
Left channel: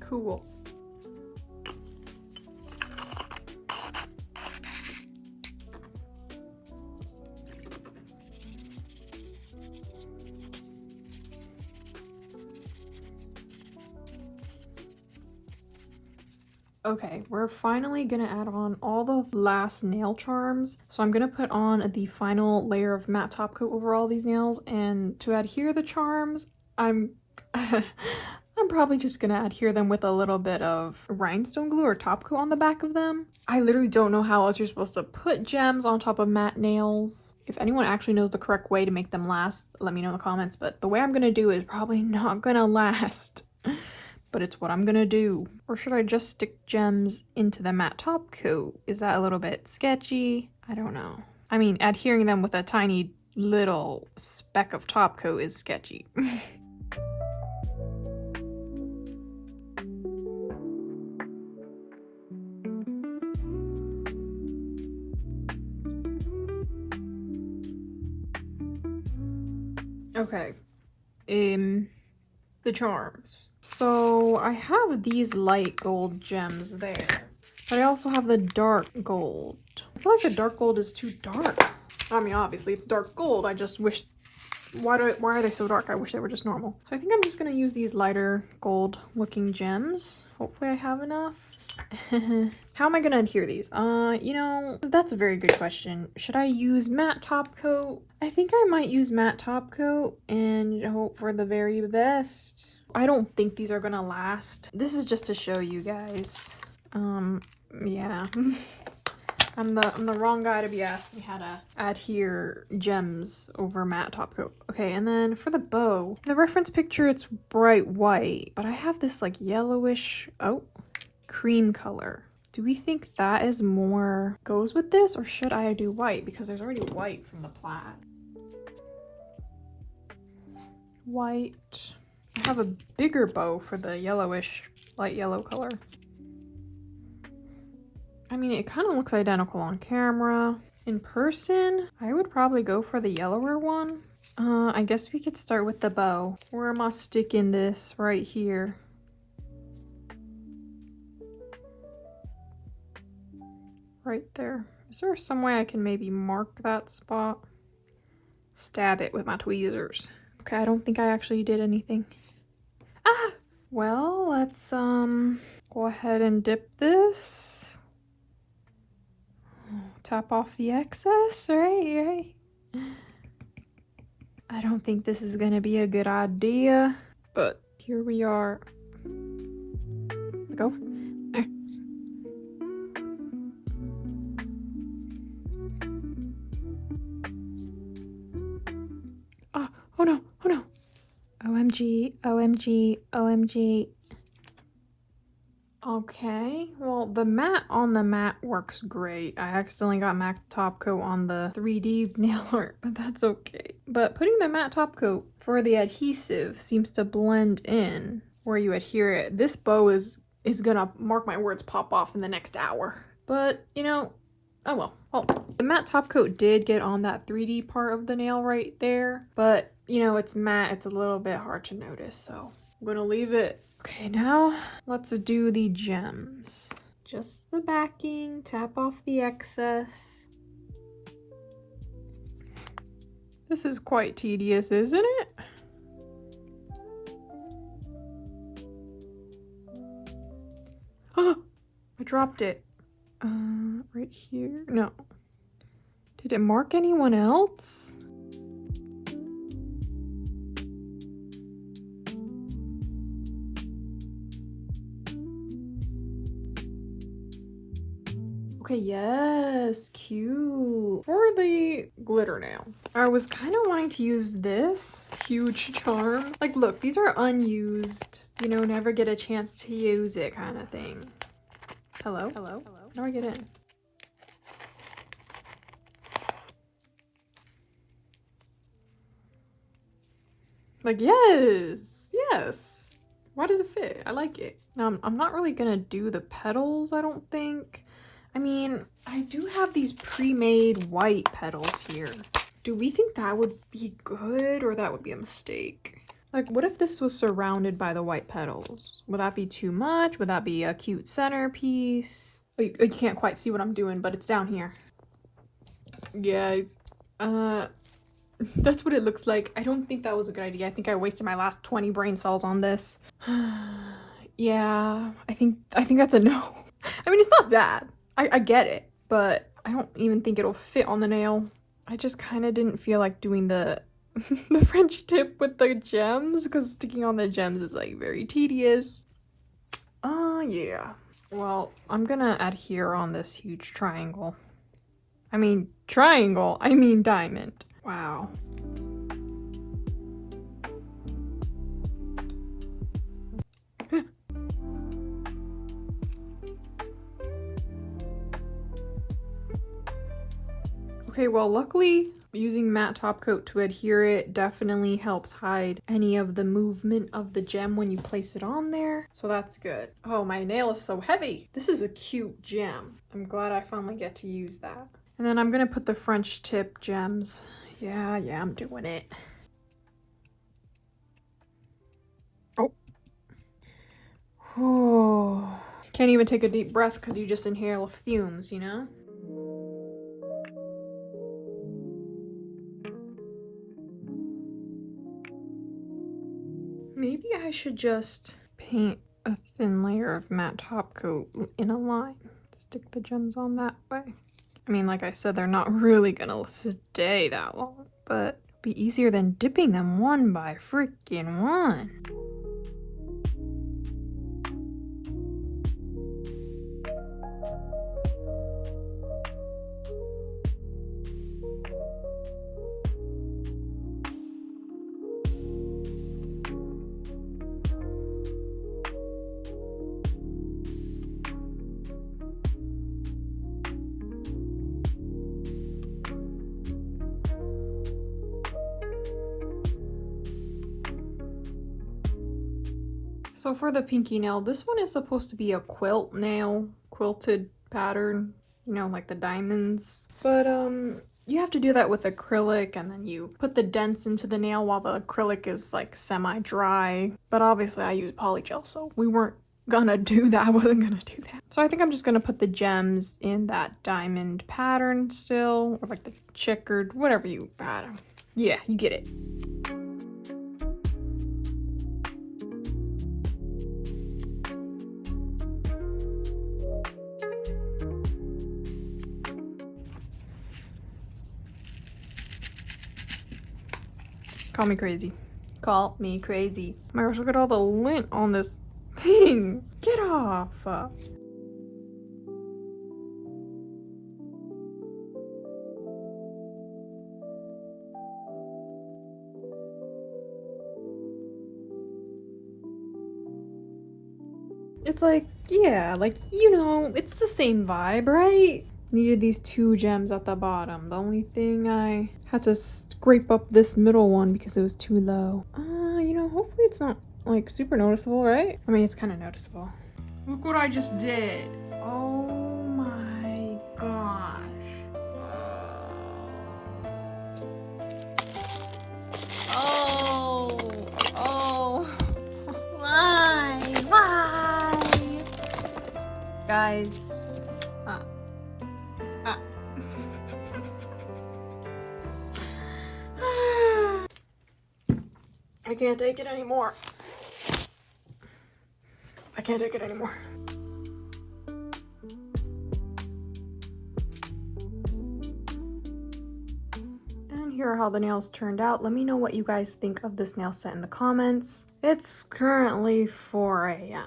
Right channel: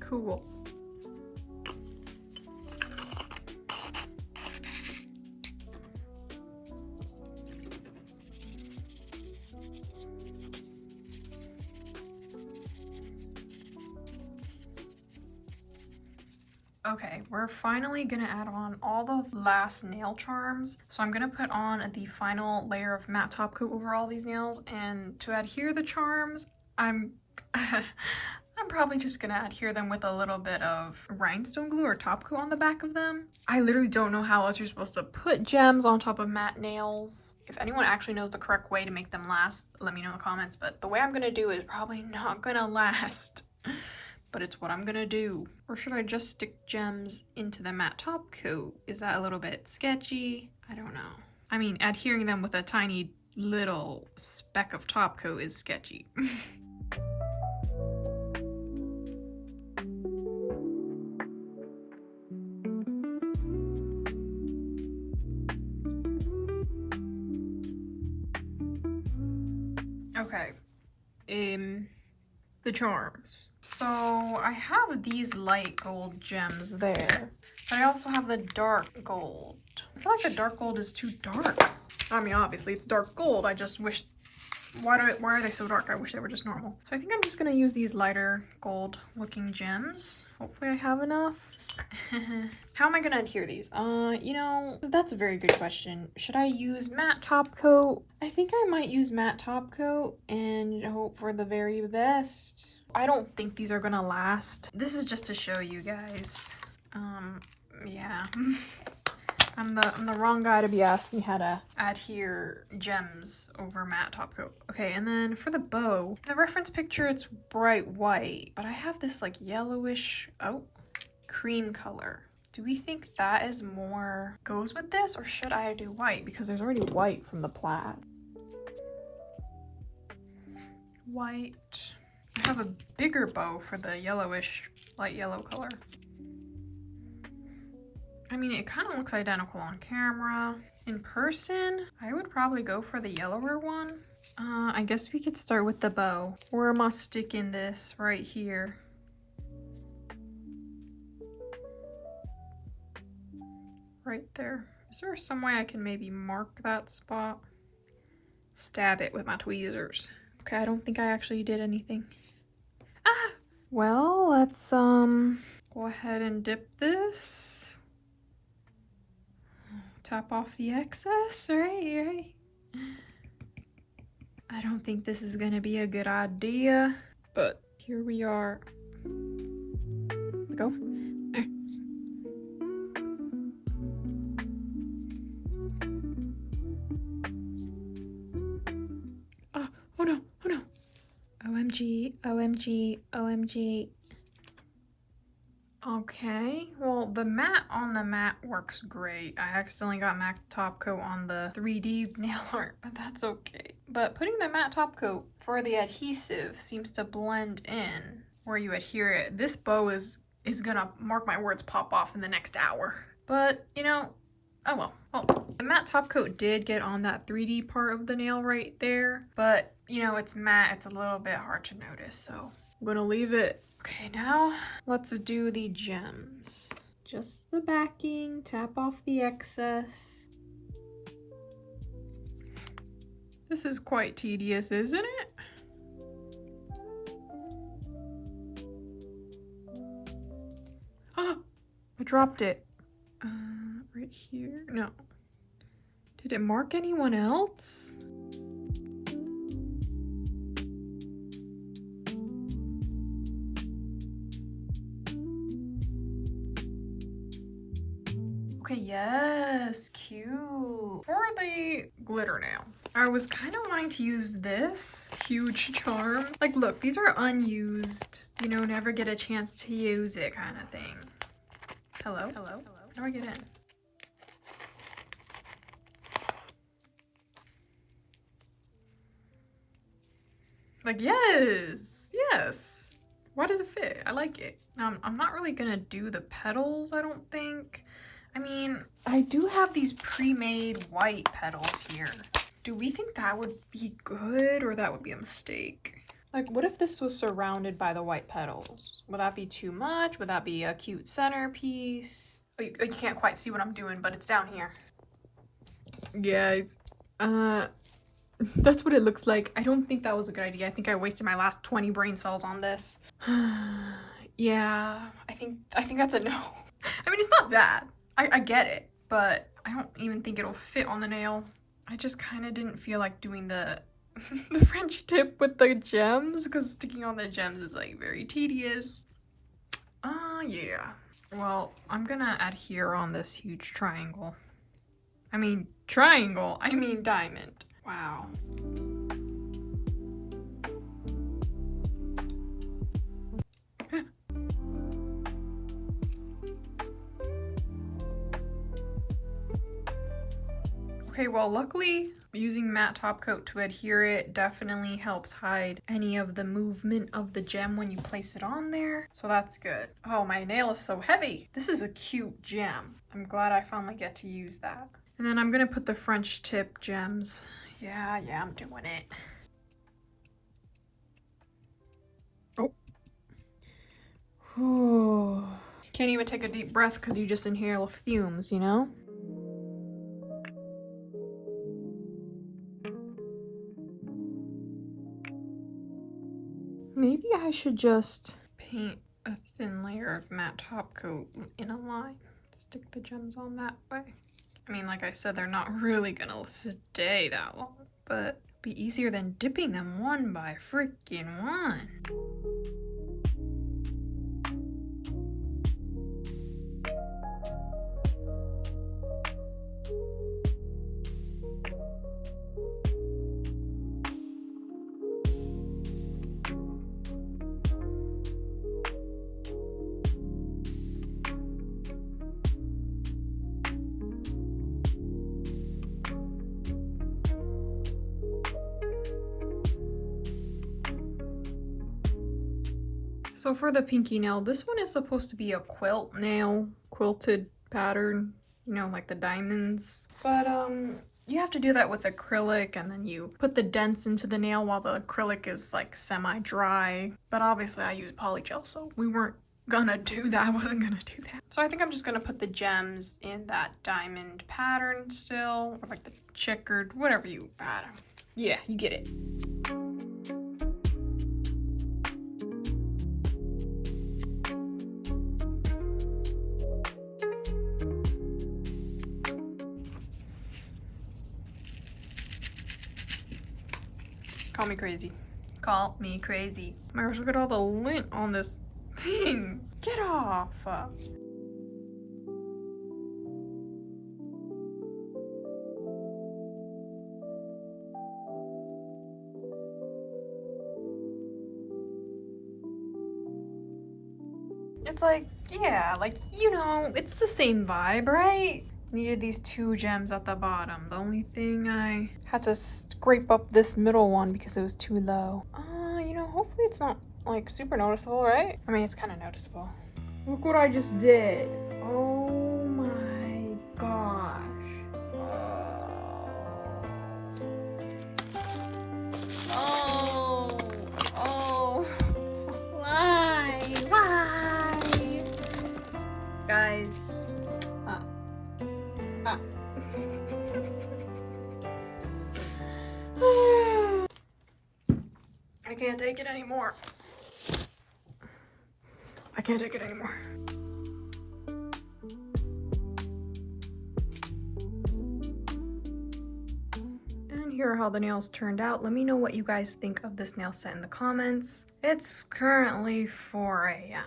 Cool. Okay, we're finally gonna add on all the last nail charms. So I'm gonna put on the final layer of matte top coat over all these nails, and to adhere the charms, I'm probably just gonna adhere them with a little bit of rhinestone glue or top coat on the back of them. I literally don't know how else you're supposed to put gems on top of matte nails. If anyone actually knows the correct way to make them last, let me know in the comments, but the way I'm gonna do is probably not gonna last. but it's what I'm gonna do. Or should I just stick gems into the matte top coat? Is that a little bit sketchy? I don't know. I mean, adhering them with a tiny little speck of top coat is sketchy. Okay, the charms. So I have these light gold gems there, but I also have the dark gold. I feel like the dark gold is too dark. I mean, obviously it's dark gold. I just wish, why are they so dark? I wish they were just normal. So I think I'm just gonna use these lighter gold looking gems. Hopefully I have enough. How am I gonna adhere these? You know, that's a very good question. Should I use matte top coat? I think I might use matte top coat and hope for the very best. I don't think these are gonna last. This is just to show you guys. Yeah. I'm the wrong guy to be asking how to adhere gems over matte top coat. Okay, and then for the bow, the reference picture it's bright white, but I have this like yellowish, cream color. Do we think that is more goes with this, or should I do white? Because there's already white from the plaid. White. I have a bigger bow for the yellowish, light yellow color. I mean, it kind of looks identical on camera. In person, I would probably go for the yellower one. I guess we could start with the bow. Where am I sticking this? Right here. Right there. Is there some way I can maybe mark that spot? Stab it with my tweezers. Okay, I don't think I actually did anything. Ah! Well, let's go ahead and dip this. Tap off the excess, right? I don't think this is gonna be a good idea, but here we are. Go. Oh no, oh no. OMG, OMG, OMG. Okay, well, the matte on the matte works great. I accidentally got matte top coat on the 3D nail art, but that's okay. But putting the matte top coat for the adhesive seems to blend in where you adhere it. This bow is gonna, mark my words, pop off in the next hour. But, you know, oh well. Well, the matte top coat did get on that 3D part of the nail right there, but, you know, it's matte, it's a little bit hard to notice, so I'm gonna leave it. Okay, now let's do the gems. Just the backing, tap off the excess. This is quite tedious, isn't it? Oh, I dropped it. Right here. No. Did it mark anyone else? Okay, yes, cute. For the glitter nail, I was kind of wanting to use this huge charm. Like, look, these are unused, you know, never get a chance to use it kind of thing. Hello? Hello? How do I get in? Like, yes, yes. Why does it fit? I like it. I'm not really gonna do the petals, I don't think. I mean, I do have these pre-made white petals here. Do we think that would be good, or that would be a mistake? Like, what if this was surrounded by the white petals? Would that be too much? Would that be a cute centerpiece? Oh, you can't quite see what I'm doing, but it's down here. Yeah, that's what it looks like. I don't think that was a good idea. I think I wasted my last 20 brain cells on this. Yeah, I think that's a no. I mean, it's not bad. I get it, but I don't even think it'll fit on the nail. I just kind of didn't feel like doing the the French tip with the gems, because sticking on the gems is like very tedious. Yeah. Well, I'm gonna adhere on this huge triangle. I mean triangle, I mean diamond. Wow. Okay, well, luckily using matte top coat to adhere it definitely helps hide any of the movement of the gem when you place it on there. So that's good. Oh, my nail is so heavy. This is a cute gem. I'm glad I finally get to use that. And then I'm gonna put the French tip gems. Yeah, I'm doing it. Oh. Can't even take a deep breath because you just inhale fumes, you know? Maybe I should just paint a thin layer of matte top coat in a line. Stick the gems on that way. I mean, like I said, they're not really gonna stay that long, but it'll be easier than dipping them one by freaking one. So for the pinky nail, this one is supposed to be a quilt nail, quilted pattern, you know, like the diamonds. But you have to do that with acrylic, and then you put the dents into the nail while the acrylic is like semi-dry. But obviously I use polygel, so we weren't gonna do that. I wasn't gonna do that. So I think I'm just gonna put the gems in that diamond pattern still, or like the checkered, whatever you pattern. Yeah, you get it. Call me crazy. Call me crazy. My gosh, look at all the lint on this thing. Get off. It's like, yeah, like, you know, it's the same vibe, right? Needed these two gems at the bottom. The only thing I had to scrape up this middle one because it was too low. You know, hopefully it's not like super noticeable, right? I mean, it's kind of noticeable. Look what I just did. Oh my gosh. Oh. Why? Guys. I can't take it anymore. I can't take it anymore. And here are how the nails turned out. Let me know what you guys think of this nail set in the comments. It's currently 4 a.m.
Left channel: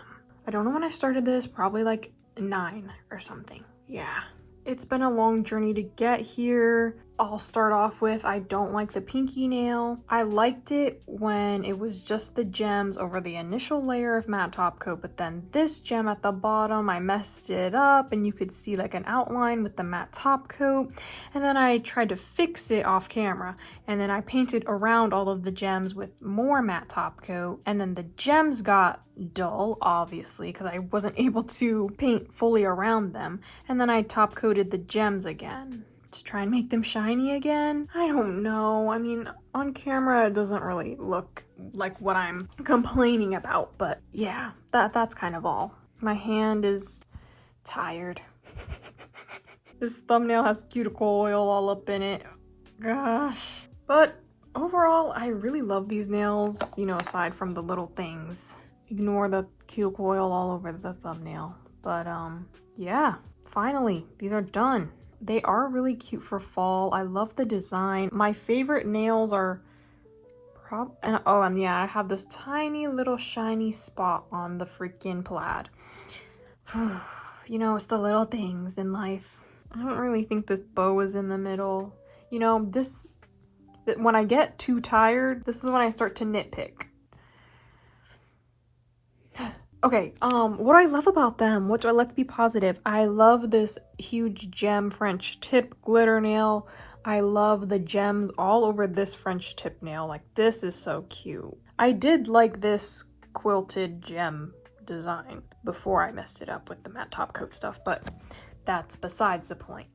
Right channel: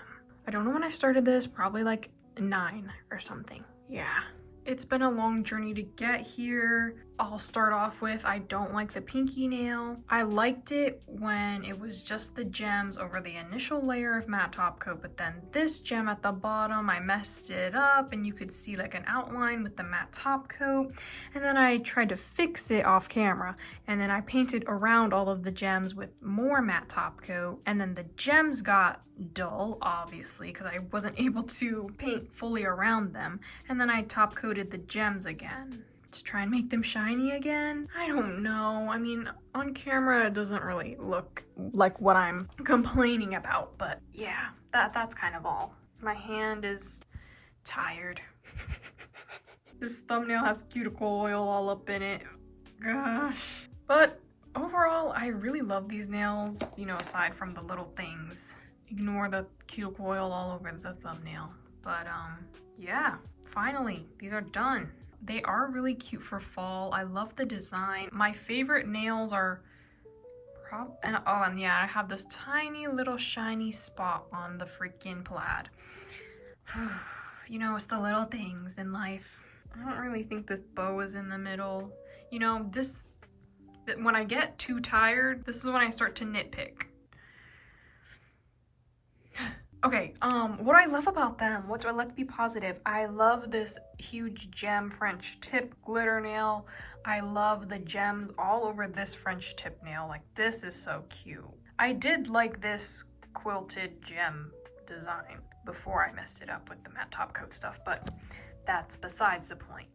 I don't know when I started this, probably like 9 or something. Yeah. It's been a long journey to get here. I'll start off with, I don't like the pinky nail. I liked it when it was just the gems over the initial layer of matte top coat, but then this gem at the bottom, I messed it up and you could see like an outline with the matte top coat. And then I tried to fix it off camera, and then I painted around all of the gems with more matte top coat, and then the gems got dull, obviously, because I wasn't able to paint fully around them. And then I top coated the gems again to try and make them shiny again. I don't know. I mean, on camera it doesn't really look like what I'm complaining about, but yeah, that's kind of all. My hand is tired. This thumbnail has cuticle oil all up in it. Gosh. But overall, I really love these nails, you know, aside from the little things. Ignore the cuticle oil all over the thumbnail. But yeah, finally, these are done. They are really cute for fall. I love the design. My favorite nails are and yeah, I have this tiny little shiny spot on the freaking plaid. You know, it's the little things in life. I don't really think this bow is in the middle. You know, when I get too tired, this is when I start to nitpick. Okay, what do I love about them? Let's be positive. I love this huge gem French tip glitter nail. I love the gems all over this French tip nail. Like, this is so cute. I did like this quilted gem design before I messed it up with the matte top coat stuff, but that's besides the point.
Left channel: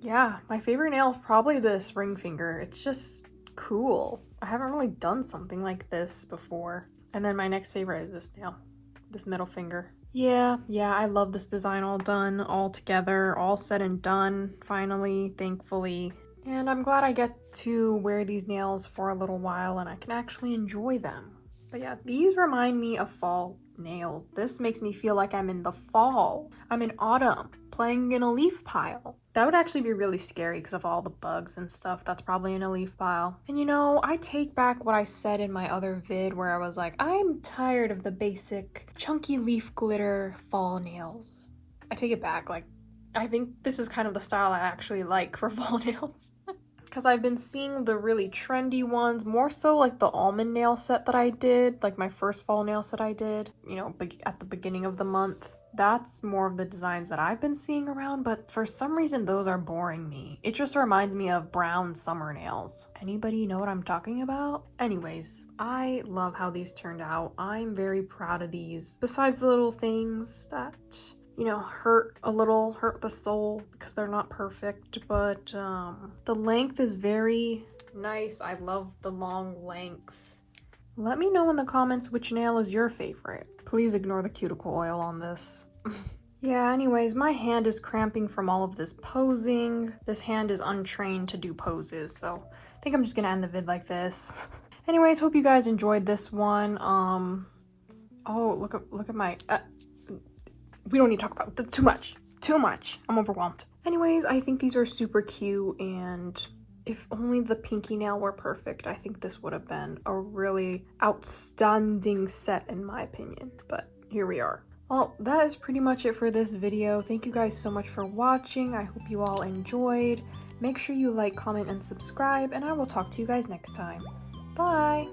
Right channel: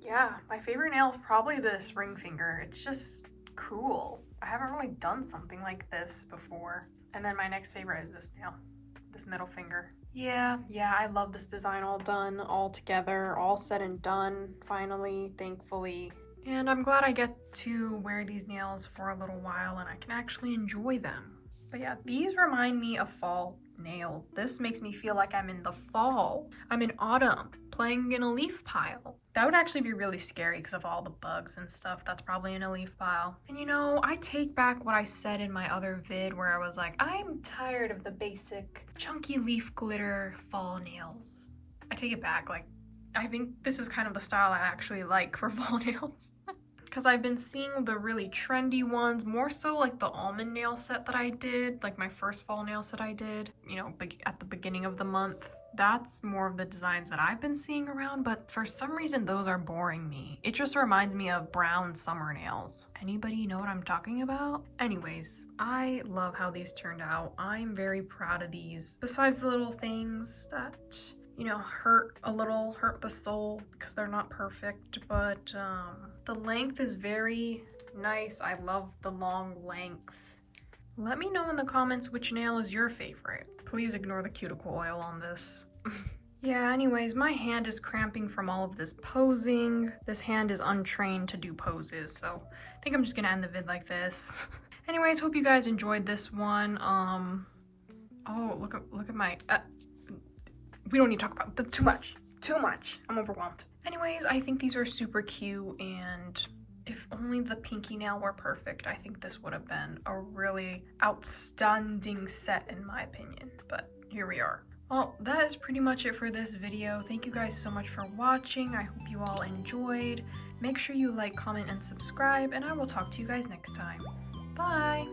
Yeah, my favorite nail is probably this ring finger. It's just cool. I haven't really done something like this before. And then my next favorite is this nail, this middle finger. Yeah, I love this design all done, all together, all said and done, finally, thankfully. And I'm glad I get to wear these nails for a little while and I can actually enjoy them. But yeah, these remind me of fall nails. This makes me feel like I'm in the fall. I'm in autumn, playing in a leaf pile. That would actually be really scary because of all the bugs and stuff that's probably in a leaf pile. And you know, I take back what I said in my other vid where I was like, I'm tired of the basic chunky leaf glitter fall nails. I take it back. Like, I think this is kind of the style I actually like for fall nails. Because I've been seeing the really trendy ones, more so like the almond nail set that I did, like my first fall nail set I did, you know, at the beginning of the month. That's more of the designs that I've been seeing around, but for some reason those are boring me. It just reminds me of brown summer nails. Anybody know what I'm talking about? Anyways, I love how these turned out. I'm very proud of these. Besides the little things that, you know, hurt the soul because they're not perfect, but the length is very nice. I love the long length. Let me know in the comments which nail is your favorite. Please ignore the cuticle oil on this. Yeah, anyways, my hand is cramping from all of this posing. This hand is untrained to do poses, so I think I'm just gonna end the vid like this. Anyways, hope you guys enjoyed this one. Oh, look at my, we don't need to talk about that too much. I'm overwhelmed. Anyways, I think these are super cute, and if only the pinky nail were perfect, I think this would have been a really outstanding set in my opinion, but here we are. Well, that is pretty much it for this video. Thank you guys so much for watching. I hope you all enjoyed. Make sure you like, comment, and subscribe, and I will talk to you guys next time. Bye!